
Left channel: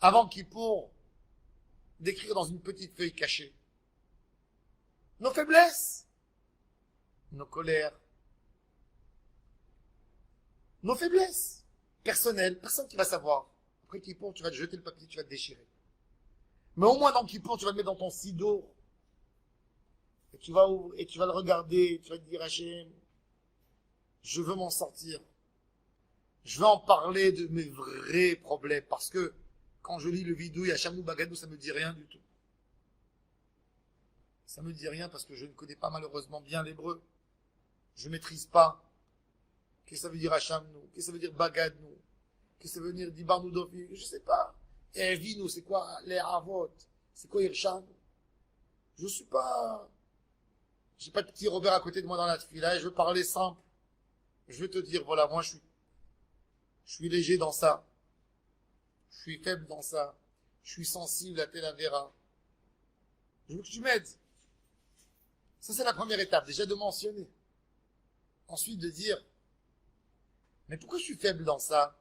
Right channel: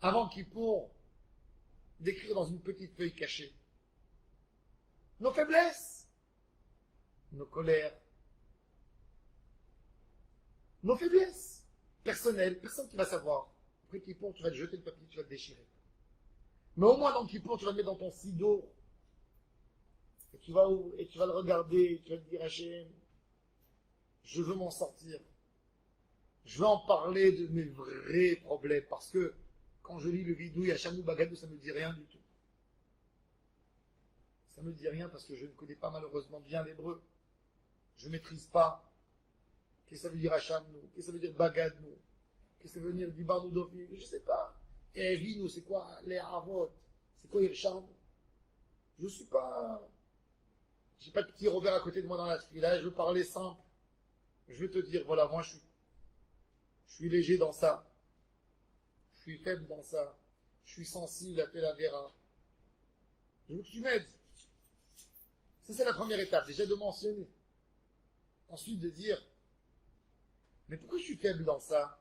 avant Kippour, d'écrire dans une petite feuille cachée nos faiblesses, nos colères, nos faiblesses personnelles. Personne qui va savoir. Après Kippour, tu vas te jeter le papier, tu vas te déchirer. Mais au moins dans Kippour, tu vas le mettre dans ton sido. Et tu vas le regarder, tu vas te dire, Hachem, je veux m'en sortir. Je veux en parler de mes vrais problèmes. Parce que quand je lis le vidouille Hachem ou Bagadou, ça ne me dit rien du tout. Ça ne me dit rien parce que je ne connais pas malheureusement bien l'hébreu. Je ne maîtrise pas. Qu'est-ce que ça veut dire Hachem nous? Qu'est-ce que ça veut dire Bagadou? Qu'est-ce que ça veut dire Dibarnou Dofi? Je ne sais pas. Et Vino, c'est quoi les Avot? C'est quoi Irsham? Je ne suis pas. J'ai pas de petit Robert à côté de moi dans la tefila, je veux parler simple. Je veux te dire, voilà, moi je suis léger dans ça. Je suis faible dans ça. Je suis sensible à tel Avera. Je veux que tu m'aides. Ça, c'est la première étape, déjà de mentionner. Ensuite, de dire, mais pourquoi je suis faible dans ça?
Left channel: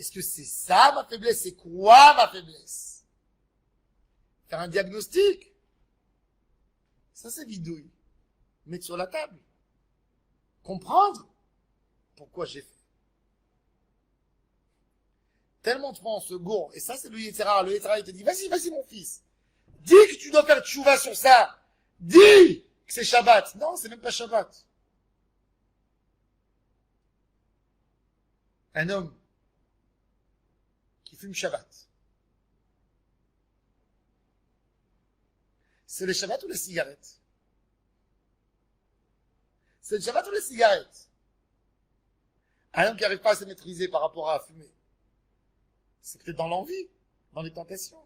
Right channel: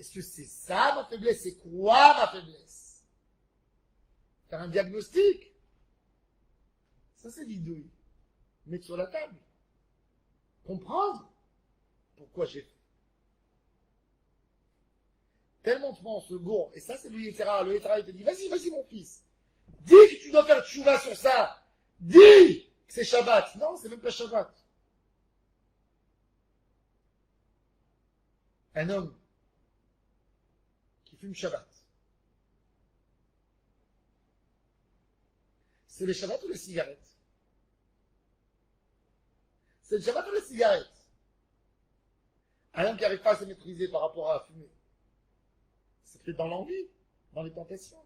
Est-ce que c'est ça ma faiblesse? C'est quoi ma faiblesse? Faire un diagnostic. Ça, c'est bidouille. Mettre sur la table. Comprendre pourquoi j'ai fait. Tellement de fois on se gourre. Et ça, c'est le Yetzirah. Le Yetzirah, il te dit, vas-y, mon fils. Dis que tu dois faire tchouva sur ça. Dis que c'est Shabbat. Non, c'est même pas Shabbat. Un homme qui fume Shabbat. C'est le Shabbat ou les cigarettes? C'est le Shabbat ou les cigarettes? Un homme qui n'arrive pas à se maîtriser par rapport à fumer. C'est peut-être dans l'envie, dans les tentations.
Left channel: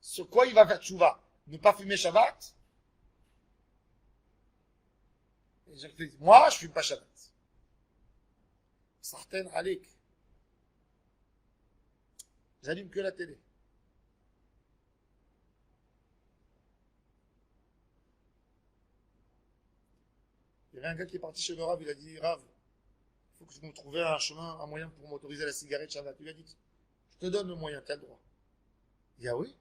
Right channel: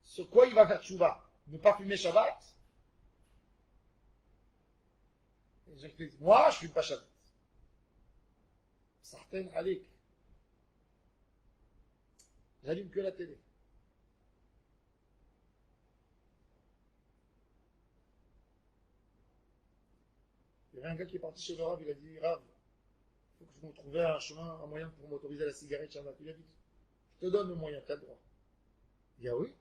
Sur quoi il va faire tchouva? Ne pas fumer Shabbat? Et je dis, moi, je ne fume pas Shabbat. Certaines, Alik. J'allume que la télé. y avait un gars qui est parti chez le Rav, il a dit, Rav, il faut que je me trouve un chemin, un moyen pour m'autoriser la cigarette Shabbat. Il a dit, je te donne le moyen, tu as le droit. Il dit, ah oui,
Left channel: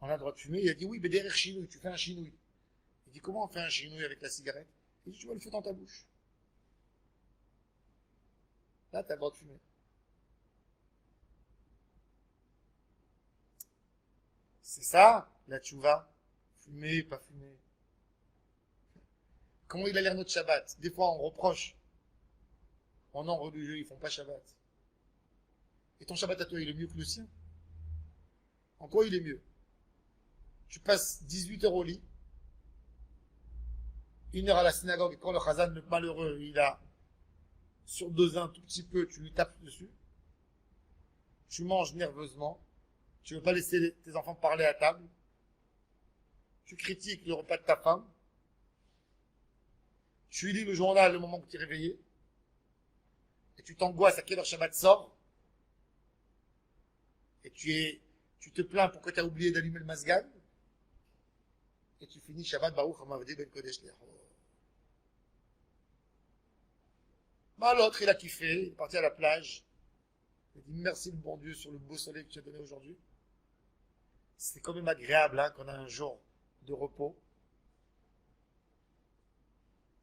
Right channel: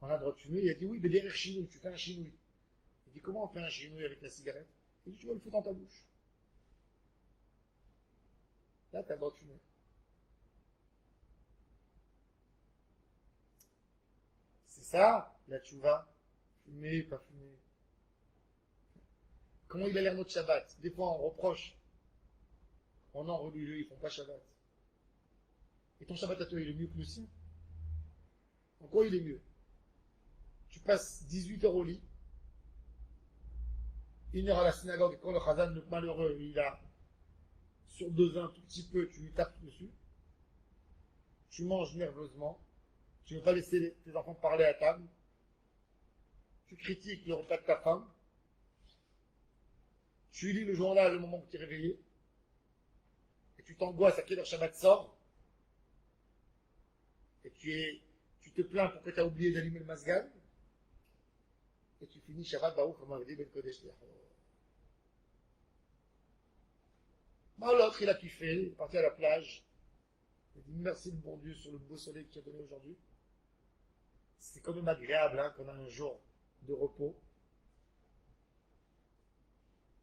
on a le droit de fumer. Il a dit, oui, mais derrière chinouille, tu fais un chinouille. Il dit, comment on fait un chinouille avec la cigarette? Il dit, tu vas le faire dans ta bouche. Là, tu as le droit de fumer. C'est ça, la tchouva. Fumer, pas fumer. Comment il a l'air notre Shabbat? Des fois, on reproche. On en religieux, ils font pas Shabbat. Et ton Shabbat à toi, il est mieux que le sien? En quoi il est mieux? Tu passes 18 heures au lit, 1 heure à la synagogue, et quand le Chazan, le malheureux, il a surdosé un tout petit peu, tu lui tapes dessus. Tu manges nerveusement. Tu ne veux pas laisser tes enfants parler à table. Tu critiques le repas de ta femme. Tu lis le journal le moment où tu es réveillé. Et tu t'angoisses à quelle heure Shabbat sort. Et tu te plains pour que tu as oublié d'allumer le masgan. Et tu finis Shabbat Baruch Hamavdi Ben Kodesh Lecho. Bah, l'autre, il a kiffé, il est parti à la plage. Il a dit merci le bon Dieu sur le beau soleil que tu as donné aujourd'hui. C'est quand même agréable hein, qu'on a un jour de repos.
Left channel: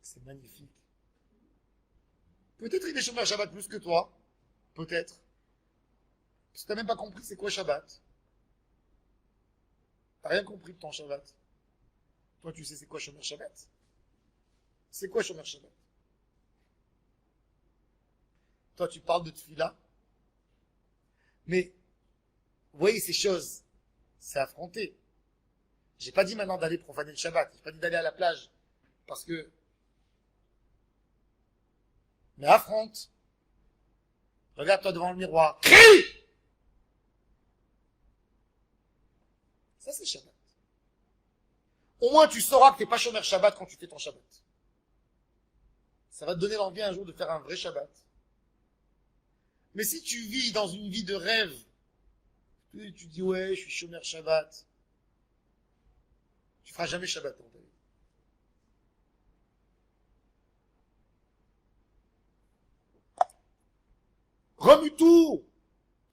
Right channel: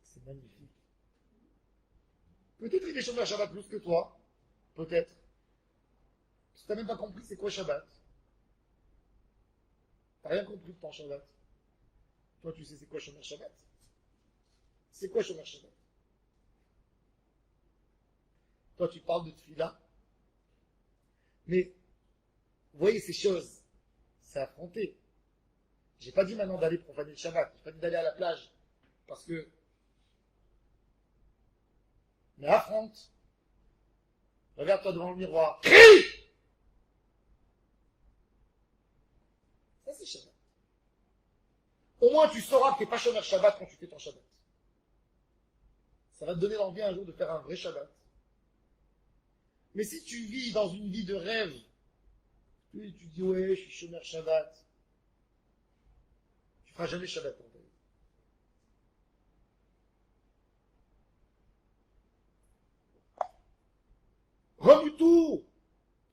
C'est magnifique. Peut-être il est chômeur Shabbat plus que toi. Peut-être. Parce que tu n'as même pas compris c'est quoi Shabbat. Tu n'as rien compris de ton Shabbat. Toi, tu sais c'est quoi chômeur Shabbat? C'est quoi chômeur Shabbat? Toi, tu parles de tefila. Mais, vous voyez, ces choses, c'est affronté. J'ai pas dit maintenant d'aller profaner le Shabbat. J'ai pas dit d'aller à la plage. Parce que... Mais affronte. Regarde-toi devant le miroir. Crie! Ça, c'est Shabbat. Au moins, tu sauras que tu n'es pas chômeur Shabbat quand tu fais ton Shabbat. Ça va te donner l'envie un jour de faire un vrai Shabbat. Mais si tu vis dans une vie de rêve, tu dis ouais, je suis chômeur Shabbat, tu feras jamais Shabbat dans ta vie.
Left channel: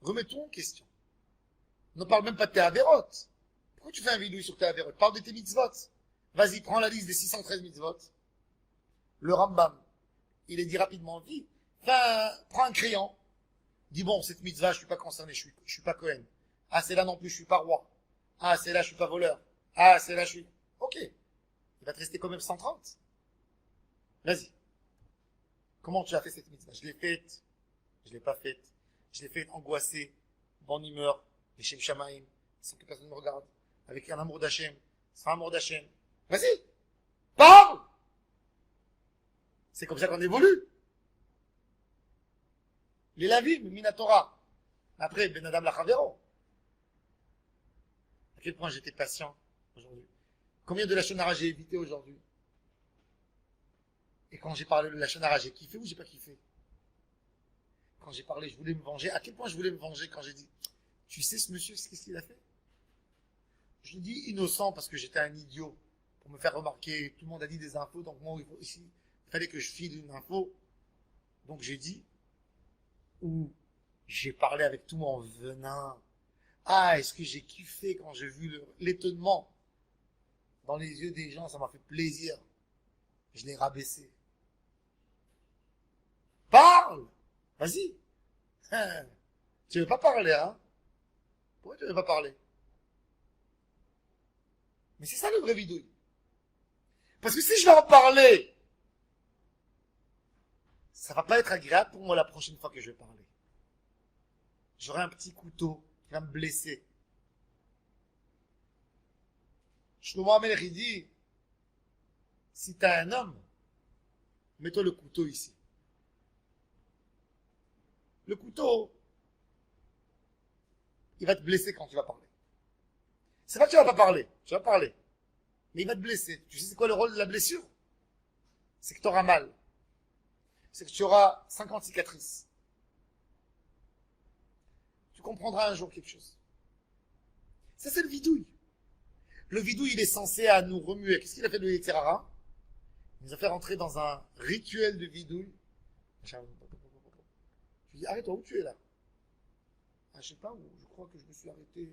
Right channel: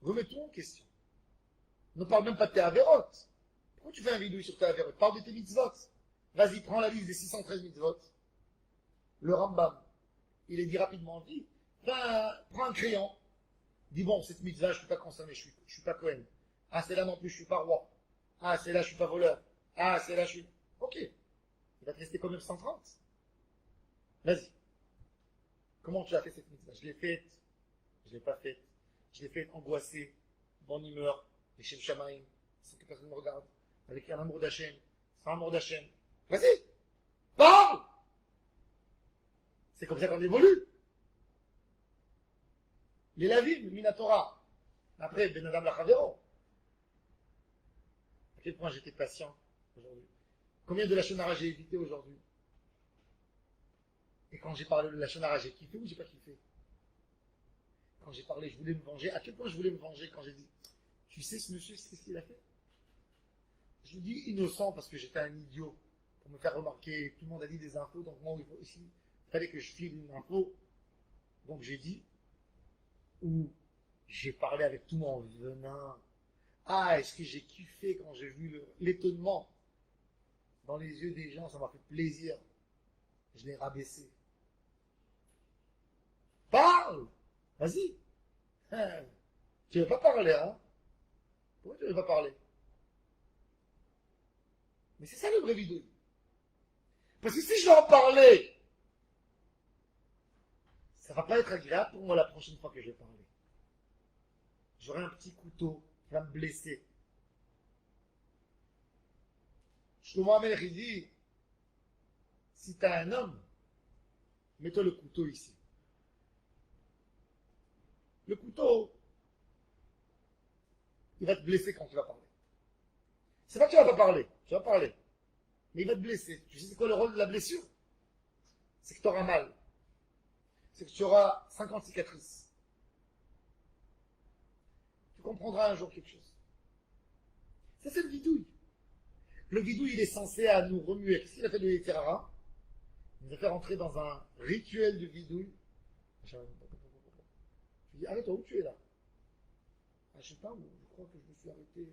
Remets-toi en question. Ne parle même pas de tes avérotes. Pourquoi tu fais un vidéo sur tes avérotes? Parle de tes mitzvot. Vas-y, prends la liste des 613 mitzvot. Le Rambam, il est dit rapidement, prends un crayon. Dis bon, cette mitzvah, je suis pas concerné, je suis pas Cohen. Ah, c'est là non plus, je suis pas roi. Ah, c'est là, je suis pas voleur. Ah, c'est là, je suis... Ok. Il va te rester quand même 130. Vas-y. Comment tu as fait cette mitzvah? Je l'ai faite. Je l'ai pas faite. Je l'ai faite angoissée, bonne humeur, les Shem Shamaim, sans que personne me regarde, avec un amour d'Hachem, sans amour d'Hachem. Vas-y. Parle! C'est comme ça qu'on évolue. Les Lavim, Minatora. Après, Ben Adam Lachavero. À quel point j'étais patient aujourd'hui. Combien de Lachonara j'ai évité aujourd'hui. Et quand j'ai parlé de Lachonara, j'ai kiffé ou j'ai pas kiffé? Quand j'ai parlé, je voulais me venger. À quel point je voulais me venger quand j'ai dit, tu sais ce monsieur, qu'est-ce qu'il a fait? Je lui dis innocent parce que j'étais un idiot. Pour me faire remarquer, tout le monde a dit des infos, donc moi ici, il fallait que je file une info. Donc j'ai dit, ou j'ai parlé avec tout mon venin. Ah, est-ce que j'ai kiffé quand j'ai vu l'étonnement dans les yeux des gens, ça m'a fait plaisir. Je l'ai rabaissé. Parle! Vas-y. Tu veux pas parler, hein? Pourquoi tu veux pas parler? Mais c'est ça le vrai vidéo. Parce que si je vais en parler, ça va pas être agréable pour moi la prochaine fois que je vais parler. J'aurai un petit couteau qui va me blesser. Shlomo Amelech, il dit, si tu as un homme, mets-toi le couteau ici. Le couteau, il va te blesser quand tu vas parler. C'est pas que tu vas pas parler, tu vas parler. Mais il va te blesser. Tu sais c'est quoi le rôle de la blessure? C'est que tu auras mal. C'est que tu auras 50 cicatrices. Tu comprendras un jour quelque chose. Ça, c'est le vidouille. Le vidouille, il est censé à nous remuer. Qu'est-ce qu'il a fait de Yetzirara? nous a fait rentrer dans un rituel de vidouille. Je lui dis, arrête-toi, où tu es là? Ah, je sais pas où, je crois que je me suis arrêté.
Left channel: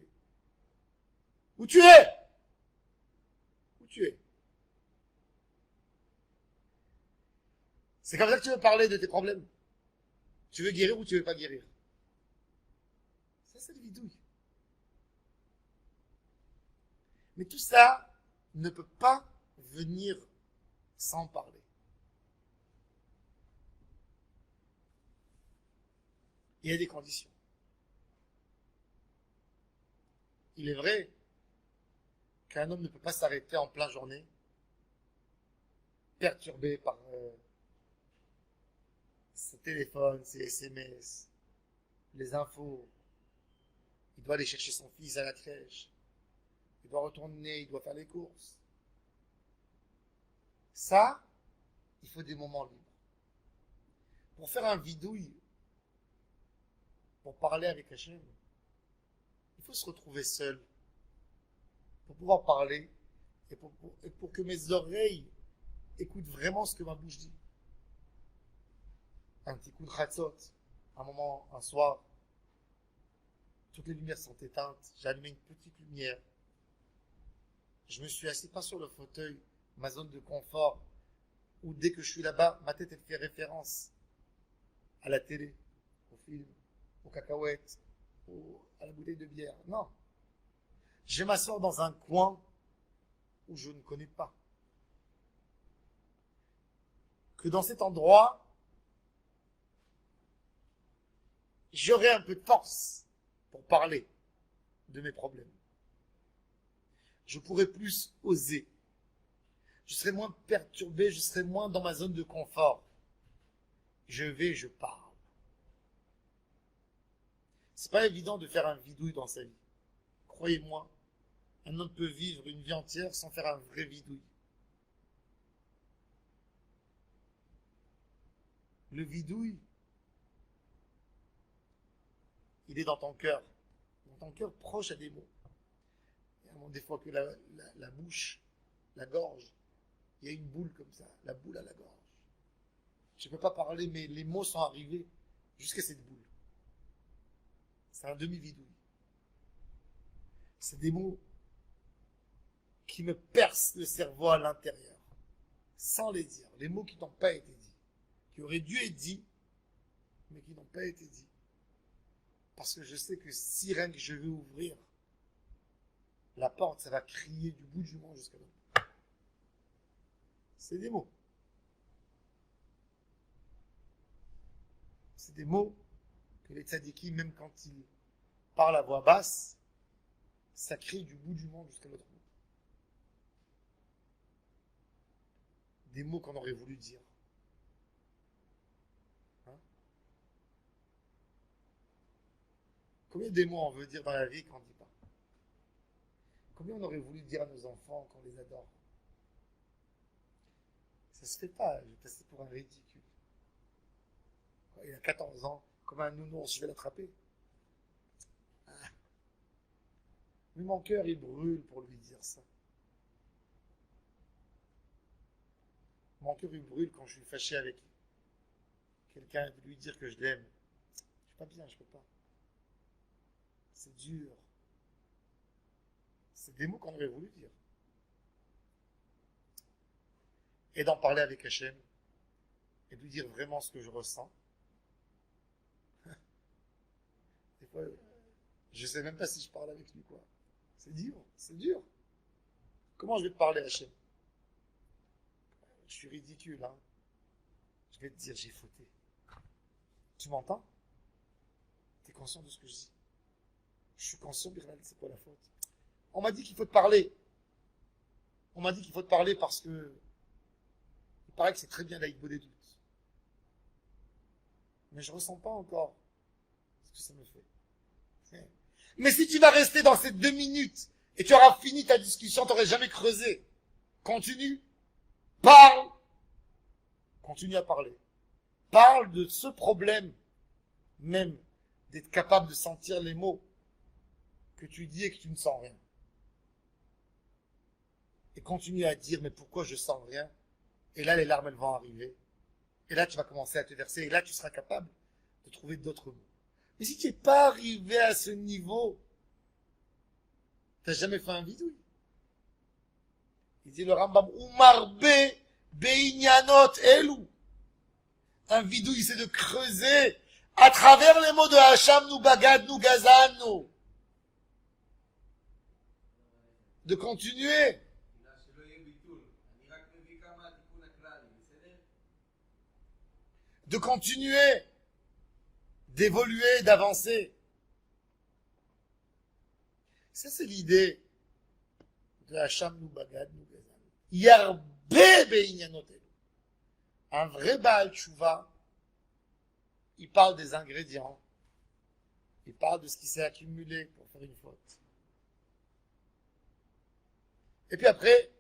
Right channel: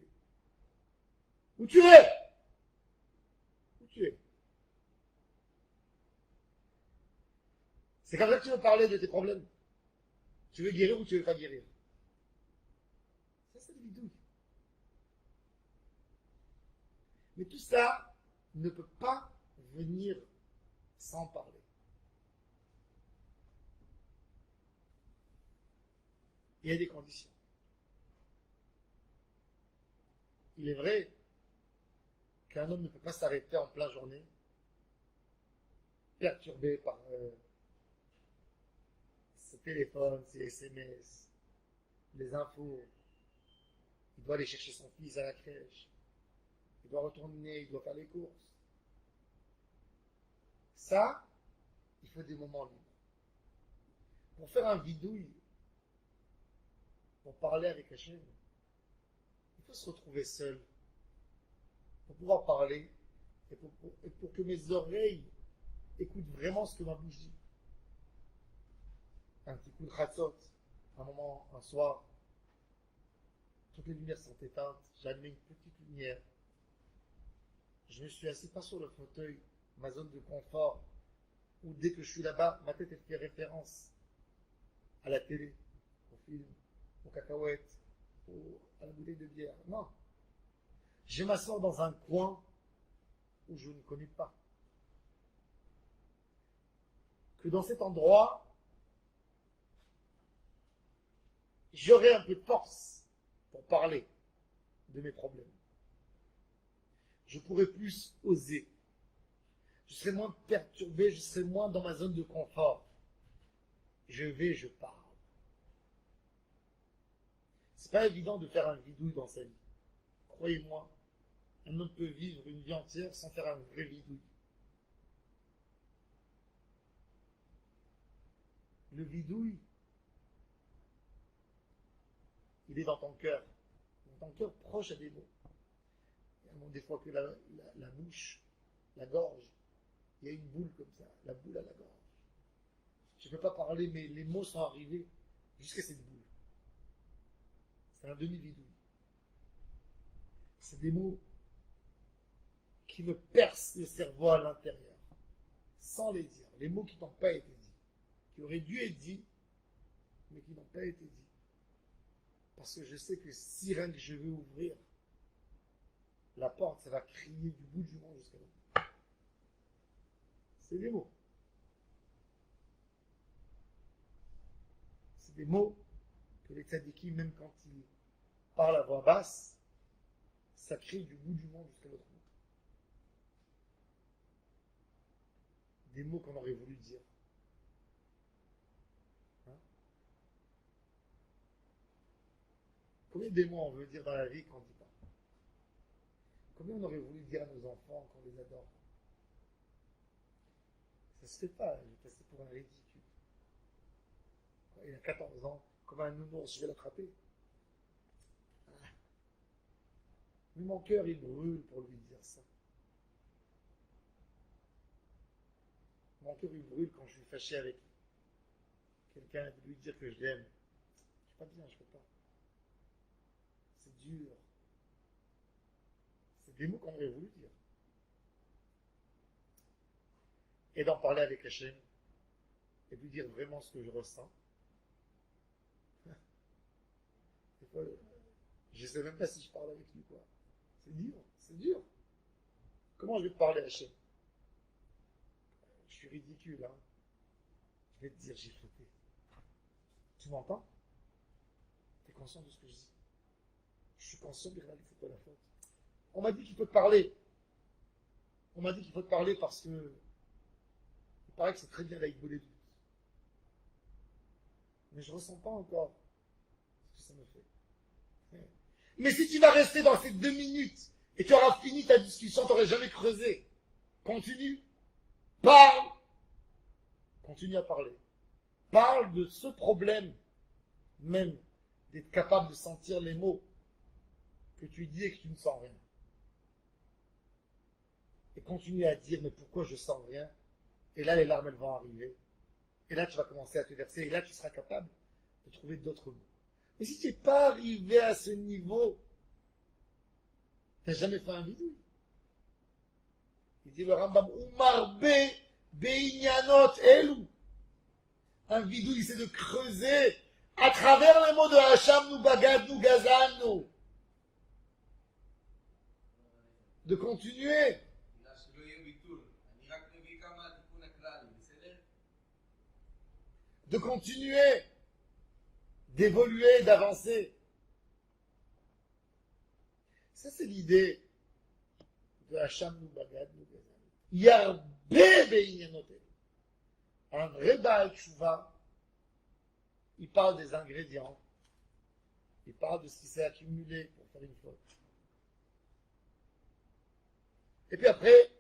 Où tu es? Où tu es? C'est comme ça que tu veux parler de tes problèmes. Tu veux guérir ou tu veux pas guérir? Ça, c'est le vidouille. Mais tout ça ne peut pas venir sans parler. Il y a des conditions. Il est vrai qu'un homme ne peut pas s'arrêter en pleine journée, perturbé par ses téléphones, ses SMS, les infos. Il doit aller chercher son fils à la crèche. Il doit retourner, il doit faire les courses. Ça, il faut des moments libres. Pour faire un vidouille, pour parler avec Hachem, il faut se retrouver seul pour pouvoir parler et pour que mes oreilles écoutent vraiment ce que ma bouche dit. Un petit coup de khatzot, un moment, un soir, toutes les lumières sont éteintes, j'ai allumé une petite lumière. Je me suis assis pas sur le fauteuil, ma zone de confort, où dès que je suis là-bas, ma tête elle fait référence à la télé, au film, aux cacahuètes, à la bouteille de bière. Non. Je vais m'asseoir dans un coin où je ne connais pas. Que dans cet endroit, j'aurai un peu de force pour parler de mes problèmes. Je pourrai plus oser. Je serai moins perturbé, je serai moins dans ma zone de confort. Je parle. C'est pas évident de faire un vidouille dans sa vie. Croyez-moi, un homme peut vivre une vie entière sans faire un vrai vidouille. Le vidouille, il est dans ton cœur. Dans ton cœur proche à des mots. Des fois que la bouche, la gorge, il y a une boule comme ça, la boule à la gorge. Je ne peux pas parler, mais les mots sont arrivés jusqu'à cette boule. C'est un demi-vidouille. C'est des mots qui me percent le cerveau à l'intérieur, sans les dire. Les mots qui n'ont pas été dits, qui auraient dû être dits, mais qui n'ont pas été dits. Parce que je sais que si rien que je veux ouvrir la porte, ça va crier du bout du monde jusqu'à là. C'est des mots. C'est des mots que les tzadikis, même quand ils parlent à voix basse, ça crie du bout du monde jusqu'à l'autre bout. Des mots qu'on aurait voulu dire. Hein? Combien de mots on veut dire dans la vie qu'on ne dit pas? Combien on aurait voulu dire à nos enfants qu'on les adore? Ça se fait pas, je vais passer pour un ridicule. Il a 14 ans, comme un nounours, je vais l'attraper. Ah. Mais mon cœur, il brûle pour lui dire ça. Mon cœur, il brûle quand je suis fâché avec quelqu'un et de lui dire que je l'aime. Je suis pas bien, je peux pas. C'est dur. C'est des mots qu'on aurait voulu dire. Et d'en parler avec Hachem et de lui dire vraiment ce que je ressens. Des fois, je ne sais même pas si je parle avec lui, quoi. C'est dur, c'est dur. Comment je vais te parler, Hachem? Je suis ridicule, hein. Je vais te dire, j'ai fauté. Tu m'entends? Tu es conscient de ce que je dis? Je suis conscient, Birnal, c'est quoi la faute? On m'a dit qu'il faut te parler. On m'a dit qu'il faut te parler parce que il paraît que c'est très bien l'Aïkbo des doutes. Mais je ne ressens pas encore ce que ça me fait. Mais si tu vas rester dans ces 2 minutes et tu auras fini ta discussion, tu n'aurais jamais creusé. Continue. Parle. Continue à parler. Parle de ce problème, même d'être capable de sentir les mots que tu dis et que tu ne sens rien. Et continue à dire, mais pourquoi je sens rien? Et là, les larmes, elles vont arriver. Et là, tu vas commencer à te verser. Et là, tu seras capable de trouver d'autres mots. Mais si tu n'es pas arrivé à ce niveau, tu n'as jamais fait un vidouille. Il dit le Rambam, Umarbe Beinyanot Elou. Un vidouille, c'est de creuser à travers les mots de Hacham, nous bagad, nous gazan, nous. De continuer. De continuer. D'évoluer, d'avancer. Ça, c'est l'idée de Hacham, nous bagad, nous gazan. Yarbe Beinyanot Elou. Un vrai Baal Tshuva, il parle des ingrédients, il parle de ce qui s'est accumulé pour faire une faute. Et puis après,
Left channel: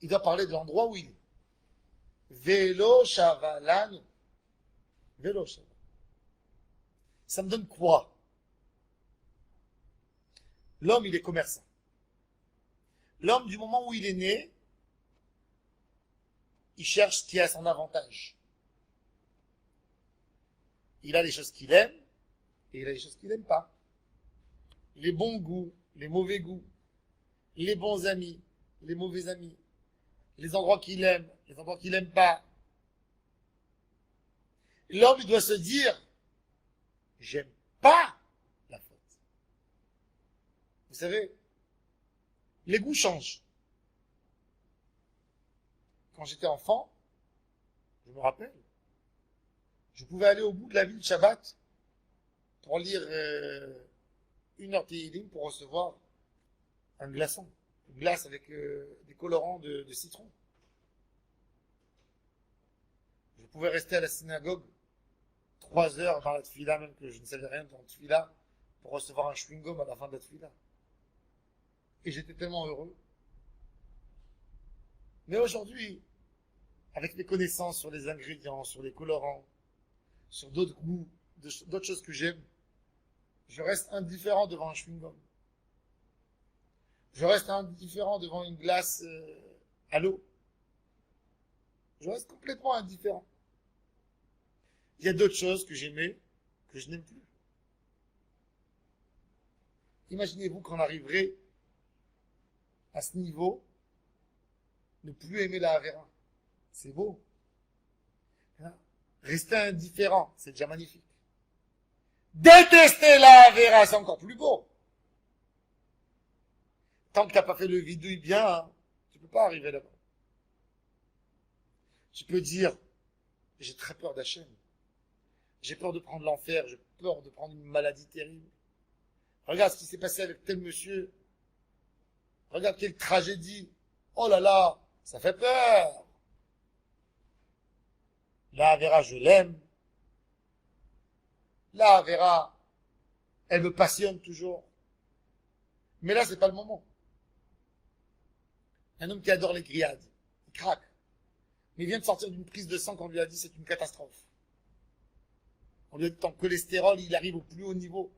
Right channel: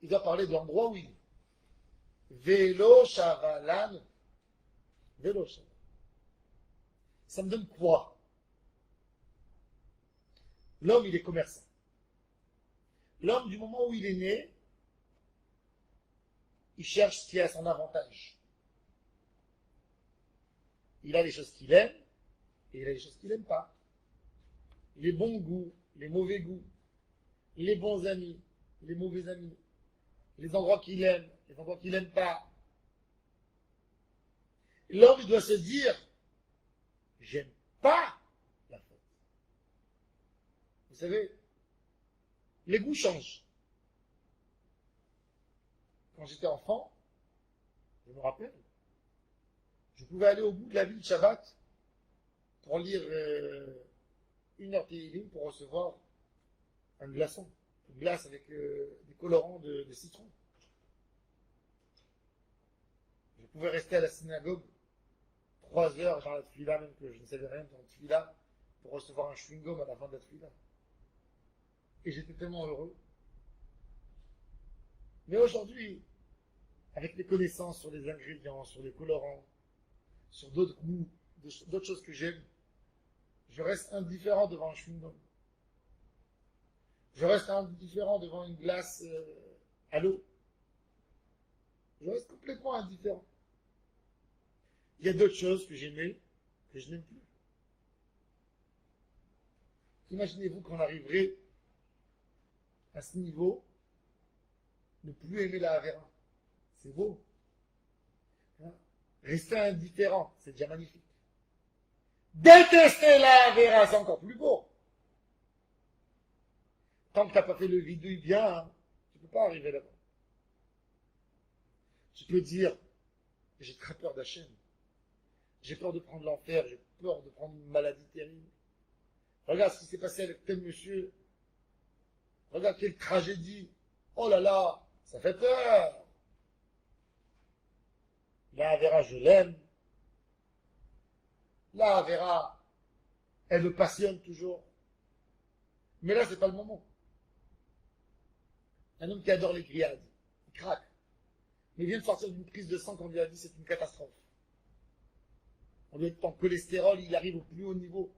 il doit parler de l'endroit où il est. Vélo Shavalan. Vélo Shavalan. Ça me donne quoi? L'homme, il est commerçant. L'homme, du moment où il est né, il cherche ce qui est à son avantage. Il a les choses qu'il aime et il a les choses qu'il n'aime pas. Les bons goûts, les mauvais goûts, les bons amis, les mauvais amis, les endroits qu'il aime, les endroits qu'il n'aime pas. L'homme, il doit se dire, j'aime pas la faute. Vous savez, les goûts changent. Quand j'étais enfant, je me rappelle, je pouvais aller au bout de la ville Shabbat pour lire une heure Tehillim pour recevoir un glaçon, une glace avec des colorants de citron. Je pouvais rester à la synagogue 3 heures dans la tefila, même que je ne savais rien dans la tefila, pour recevoir un chewing-gum à la fin de la tefila. Et j'étais tellement heureux. Mais aujourd'hui, avec mes connaissances sur les ingrédients, sur les colorants, sur d'autres goûts, d'autres choses que j'aime, je reste indifférent devant un chewing-gum. Je reste indifférent devant une glace à l'eau. Je reste complètement indifférent. Il y a d'autres choses que j'aimais, que je n'aime plus. Imaginez-vous qu'on arriverait à ce niveau, ne plus aimer la Havera. C'est beau. Hein? Rester indifférent, c'est déjà magnifique. Détester la Havera, c'est encore plus beau. Tant que tu n'as pas fait le vidouille bien, hein, tu ne peux pas arriver là-bas. Tu peux dire, j'ai très peur d'Hachem. J'ai peur de prendre l'enfer, j'ai peur de prendre une maladie terrible. Regarde ce qui s'est passé avec tel monsieur. Regarde quelle tragédie. Oh là là, ça fait peur. La Havera, je l'aime. La Havera, elle me passionne toujours. Mais là, c'est pas le moment. Un homme qui adore les grillades, il craque. Mais il vient de sortir d'une prise de sang qu'on lui a dit c'est une catastrophe. On lui a dit ton cholestérol, il arrive au plus haut niveau.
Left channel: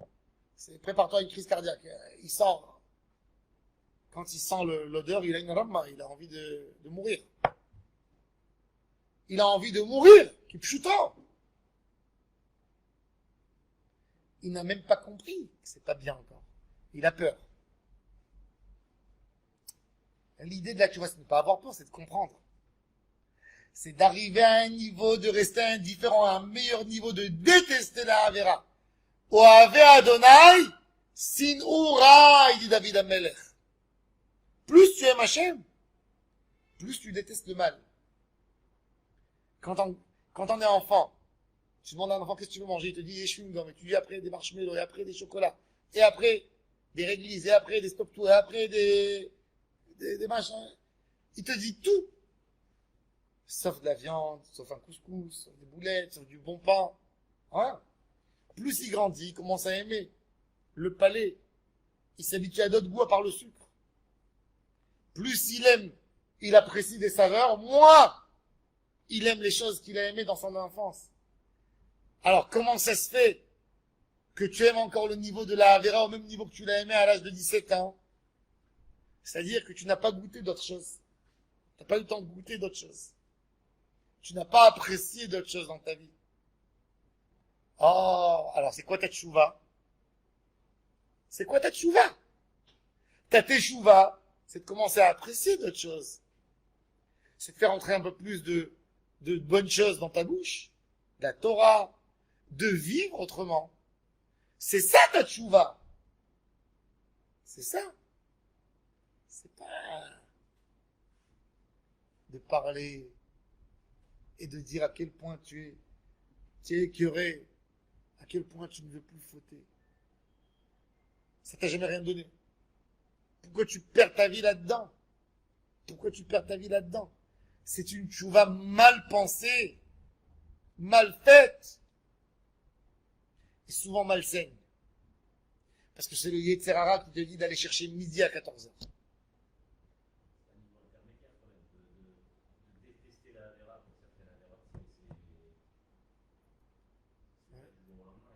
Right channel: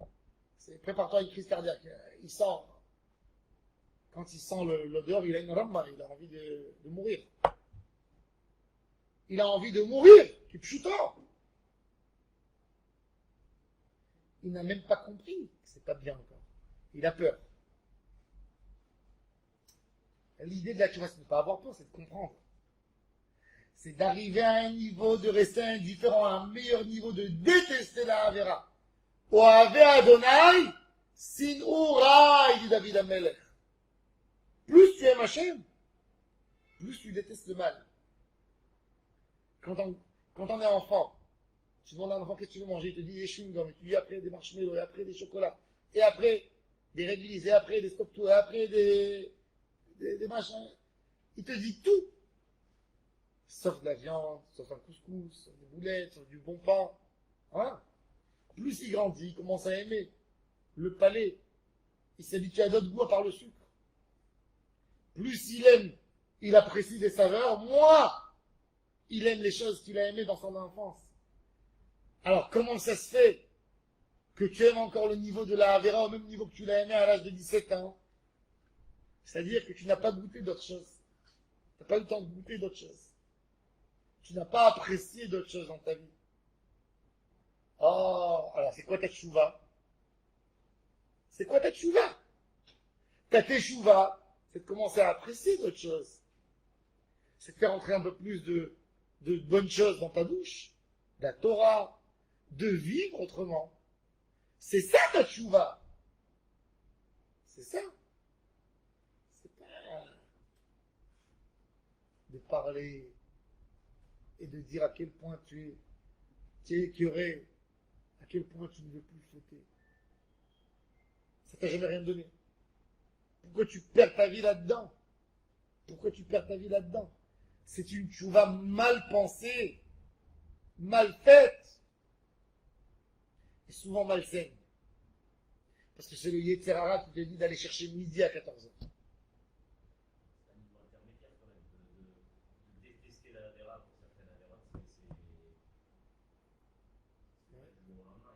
Prépare-toi à une crise cardiaque. Il sort. Quand il sent l'odeur, il a une rama, il a envie de mourir. Il a envie de mourir. Qui pchutant. Il n'a même pas compris que c'est pas bien encore. Il a peur. L'idée de la tchouva, c'est de ne pas avoir peur, c'est de comprendre. C'est d'arriver à un niveau de rester indifférent, à un meilleur niveau de détester la Havera. Oave Adonai, Sin'ura, il dit David Amelech. Plus tu aimes Hachem, plus tu détestes le mal. Quand on est enfant, tu demandes à un enfant qu'est-ce que tu veux manger, il te dit des chewing-gums, et tu dis après des marshmallows, et après des chocolats, et après des réglisses, et après des stop-tout, et après des machins. Il te dit tout. Sauf de la viande, sauf un couscous, sauf des boulettes, sauf du bon pain. Hein? Plus il grandit, il commence à aimer le palais. Il s'habitue à d'autres goûts à part le sucre. Plus il aime, il apprécie des saveurs, moins il aime les choses qu'il a aimées dans son enfance. Alors, comment ça se fait que tu aimes encore le niveau de la Havera au même niveau que tu l'as aimé à l'âge de 17 ans? C'est-à-dire que tu n'as pas goûté d'autres choses. Tu n'as pas eu le temps de goûter d'autres choses. Tu n'as pas apprécié d'autres choses dans ta vie. Oh, alors c'est quoi ta tchouva? C'est quoi ta tchouva? Ta teshuva, c'est de commencer à apprécier d'autres choses. C'est de faire entrer un peu plus de bonnes choses dans ta bouche, de la Torah, de vivre autrement. C'est ça ta tchouva. C'est ça. C'est pas de parler et de dire à quel point tu es écœuré, à quel point tu ne veux plus fauter. Ça t'a jamais rien donné. Pourquoi tu perds ta vie là-dedans? Pourquoi tu perds ta vie là-dedans? C'est une tchouva mal pensée, mal faite, et souvent malsaine. Parce que c'est le Yetzer Hara qui te dit d'aller chercher midi à 14h.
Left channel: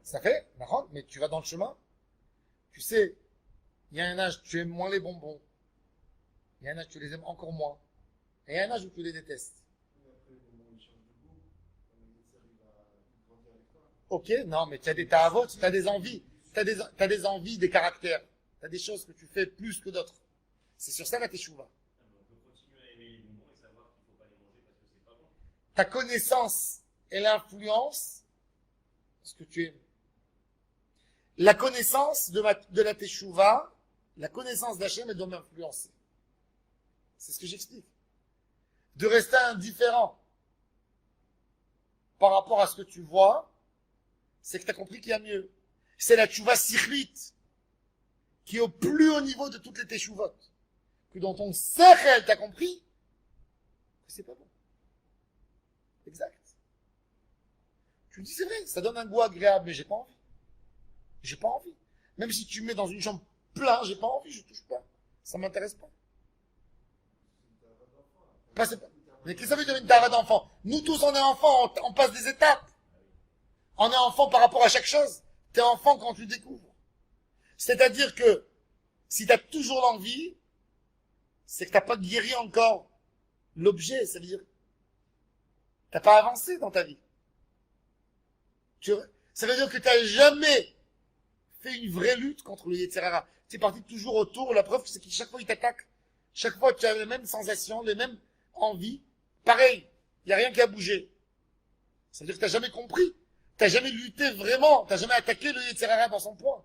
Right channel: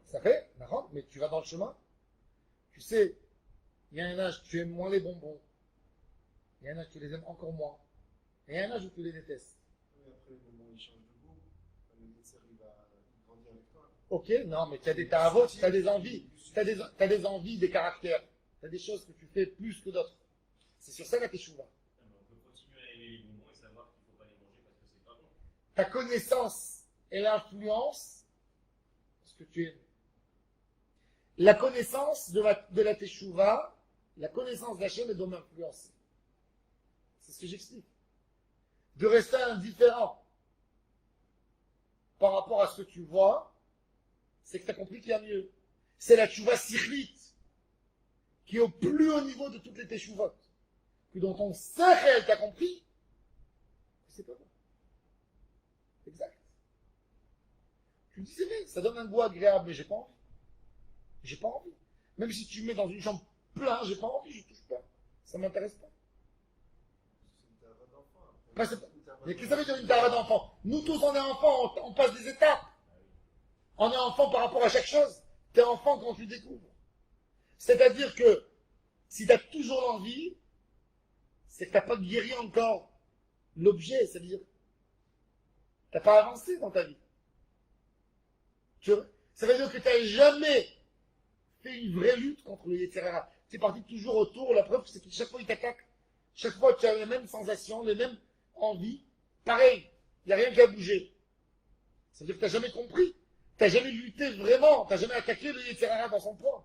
Ça fait, mais tu vas dans le chemin. Tu sais, il y a un âge où tu aimes moins les bonbons. Il y a un âge où tu les aimes encore moins. Et il y a un âge où tu les détestes. Ok, non, mais tu as des tahavot, tu as des envies. Tu as des envies, des caractères. Tu as des choses que tu fais plus que d'autres. C'est sur ça la teshuva. Ta connaissance et l'influence, ce que tu aimes. La connaissance de la teshuva, la connaissance d'Hachem, elle doit m'influencer. C'est ce que j'explique. De rester indifférent par rapport à ce que tu vois, c'est que tu as compris qu'il y a mieux. C'est la teshuva sikhlit, qui est au plus haut niveau de toutes les teshuvot. Que dans ton sechel, tu as compris que c'est pas bon. Exact. Tu me dis, c'est vrai, ça donne un goût agréable, mais j'ai pas envie. J'ai pas envie. Même si tu me mets dans une chambre pleine, j'ai pas envie, je touche pas. Ça m'intéresse pas. Mais qu'est-ce que ça veut dire une tara d'enfant? Nous tous, on est enfants, on passe des étapes. On est enfant par rapport à chaque chose. Tu es enfant quand tu découvres. C'est-à-dire que si tu as toujours l'envie, c'est que tu n'as pas guéri encore l'objet. Ça veut dire que tu n'as pas avancé dans ta vie. Ça veut dire que tu n'as jamais fait une vraie lutte contre le Yetzer Hara. Tu es parti toujours autour. La preuve, c'est que chaque fois, il t'attaque. Chaque fois, tu as les mêmes sensations, les mêmes envies. Pareil, il n'y a rien qui a bougé. Ça veut dire que tu n'as jamais compris. Tu n'as jamais lutté vraiment. Tu n'as jamais attaqué le Yetzer Hara dans son point.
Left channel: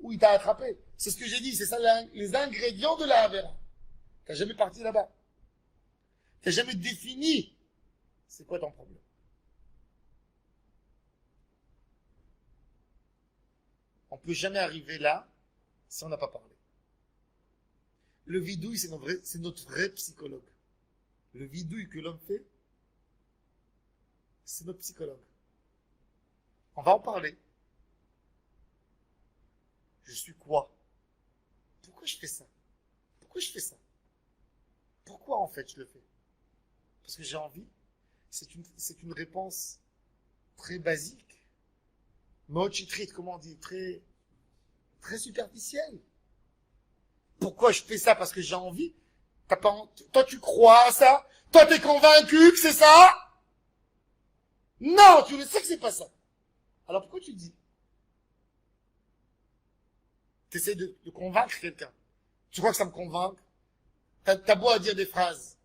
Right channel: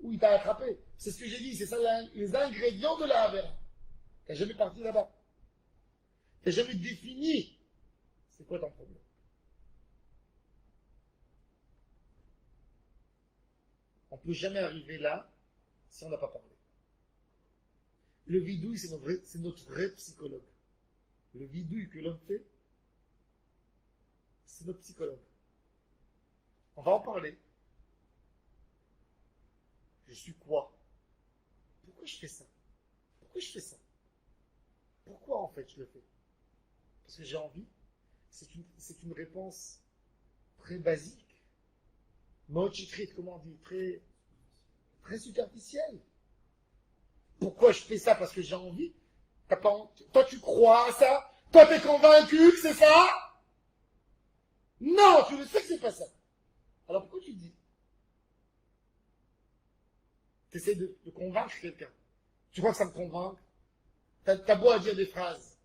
Où il t'a attrapé. C'est ce que j'ai dit. C'est ça les ingrédients de la Havera. Tu n'as jamais parti là-bas. Tu n'as jamais défini c'est quoi ton problème. On ne peut jamais arriver là si on n'a pas parlé. Le vidouille, c'est notre vrai psychologue. Le vidouille que l'homme fait, c'est notre psychologue. On va en parler. Je suis quoi? Pourquoi je fais ça? Pourquoi je fais ça? Pourquoi en fait je le fais? Parce que j'ai envie. C'est une réponse très basique. Mochitrit, comment on dit? Très, très superficielle. Pourquoi je fais ça? Parce que j'ai envie. Toi, tu crois à ça? Toi, t'es convaincu que c'est ça? Non, tu le sais que c'est pas ça. Alors pourquoi tu le dis? Tu essaies de convaincre quelqu'un. Tu crois que ça me convainc? T'as beau à dire des phrases.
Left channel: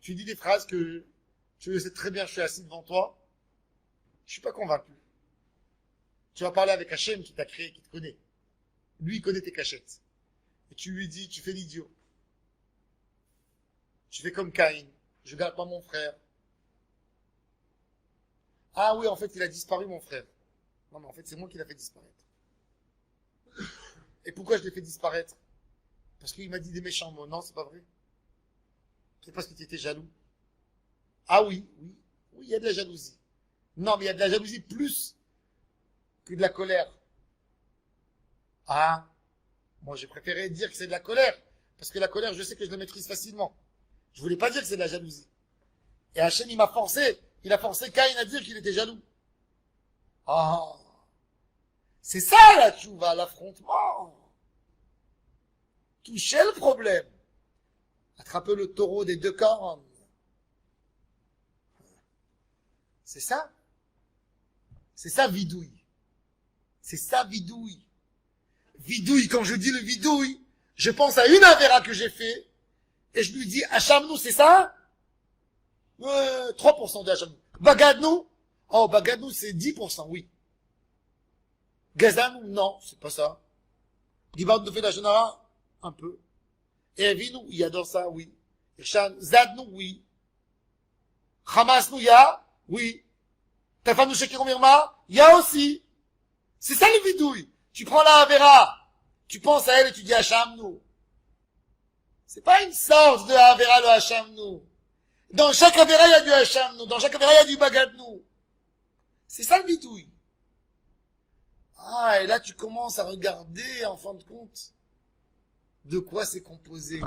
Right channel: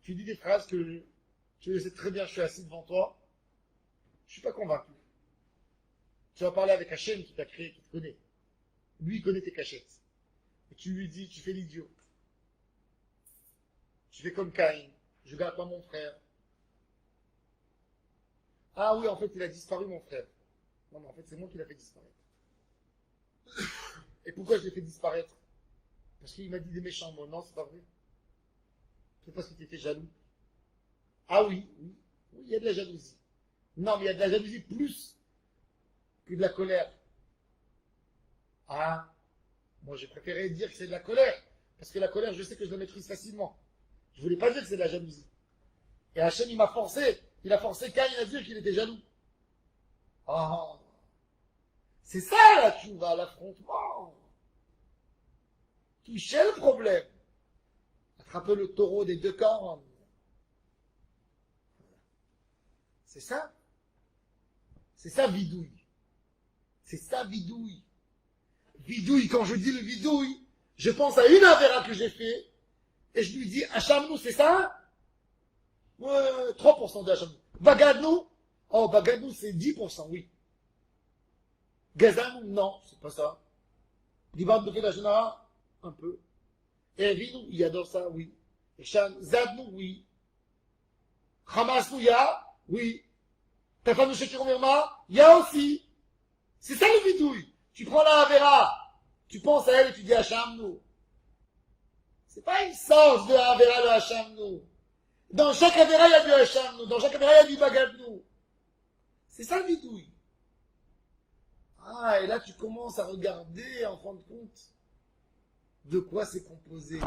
Tu dis des phrases que tu le sais très bien, je suis assis devant toi. Je suis pas convaincu. Tu vas parler avec Hachem qui t'a créé, qui te connaît. Lui, il connaît tes cachettes. Et tu lui dis, tu fais l'idiot. Tu fais comme Caïn. Je garde pas mon frère. Ah oui, en fait, il a disparu, mon frère. Non, mais en fait, c'est moi qui l'ai fait disparaître. Et pourquoi je l'ai fait disparaître? Parce qu'il m'a dit des méchants mots. Non, c'est pas vrai. C'est parce que tu étais jaloux. Ah oui, oui. Oui, il y a de la jalousie. Non, mais il y a de la jalousie plus que de la colère. Ah, moi j'ai préféré dire que c'est de la colère. Parce que la colère, je sais que je la maîtrise facilement. Je voulais pas dire que c'est de la jalousie. Et Hachem, il m'a forcé. Il a forcé Caïn à dire qu'il était jaloux. Ah, c'est ça la tchouva, l'affrontement. Toucher le problème. Attraper le taureau des deux cornes. C'est ça. C'est ça, vidouille. C'est ça, vidouille. Vidouille, quand je dis le vidouille, je pense à une avéra que j'ai fait, et je lui dis, Hachamnou, c'est ça? 3% de Hachamnou. Bagadnou? Oh, Bagadnou, c'est 10%, oui. Gazanou? Non, c'est pas ça. Diban de fait la Genara? Un peu. Et Vinou, il adore ça, oui. Zadnou, oui. Hamasnou, ya? Oui. Tafanou Shekir Mirma? Ya aussi. C'est ça le vidouille. Tu prends la Avera, tu penses à elle et tu dis Hachamnou. C'est pas une sorte de Avera de Hachamnou. Dans chaque Avera, il y a du Hachamnou. Dans chaque Avera, il y a du Bagadnou. C'est ça le vidouille. Ah, et là, tu commences à regarder, en fin de compte, de quoi c'est composé.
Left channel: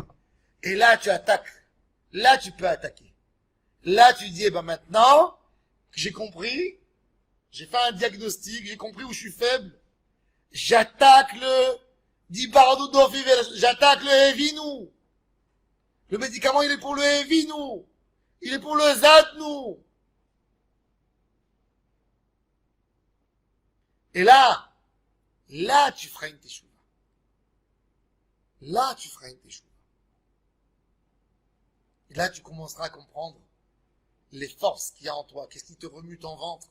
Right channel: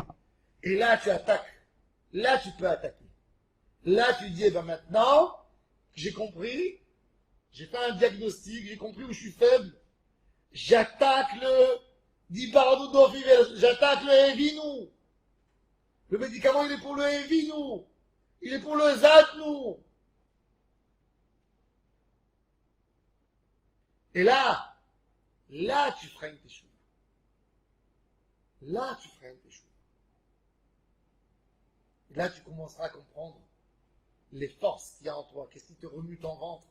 Et là, tu attaques. Là, tu peux attaquer. Là, tu dis, eh ben maintenant, que j'ai compris, j'ai fait un diagnostic, j'ai compris où je suis faible, j'attaque le Dibardo d'Ofivel, j'attaque le Evinou. Le médicament, il est pour le Evinou. Il est pour le Zadnou. Et là, tu feras une teshuva. Là, tu feras une teshuva. Et là, tu commenceras à comprendre les forces qu'il y a en toi. Qu'est-ce qui te remue ton ventre?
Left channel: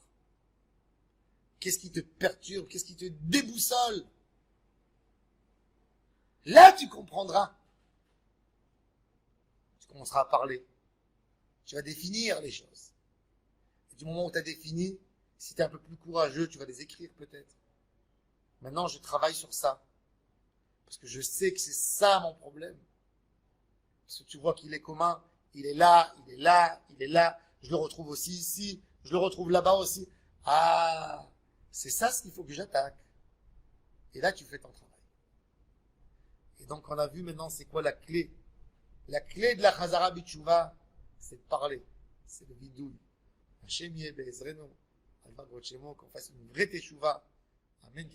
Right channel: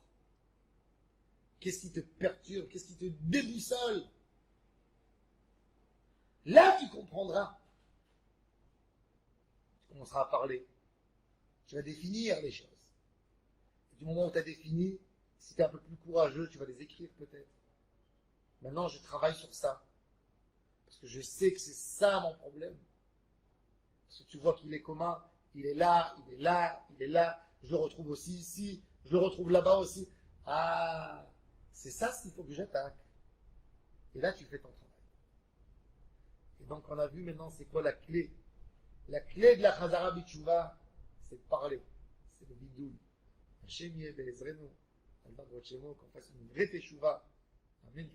Qu'est-ce qui te perturbe? Qu'est-ce qui te déboussole? Là, tu comprendras. Tu commenceras à parler. Tu vas définir les choses. Et du moment où tu as défini, si tu es un peu plus courageux, tu vas les écrire peut-être. Maintenant, je travaille sur ça. Parce que je sais que c'est ça mon problème. Parce que tu vois qu'il est commun. Il est là, il est là, il est là. Je le retrouve aussi ici. Je le retrouve là-bas aussi. Ah, c'est ça ce qu'il faut que j'attaque. Et là, tu fais ton travail. Et donc, on a vu maintenant c'est quoi la clé. La clé de la Chazara B'Tshuva, c'est de parler. C'est le vidouille. Hashem Yeh Be'ezrenu. Qu'on fasse une vraie teshuva. Amen.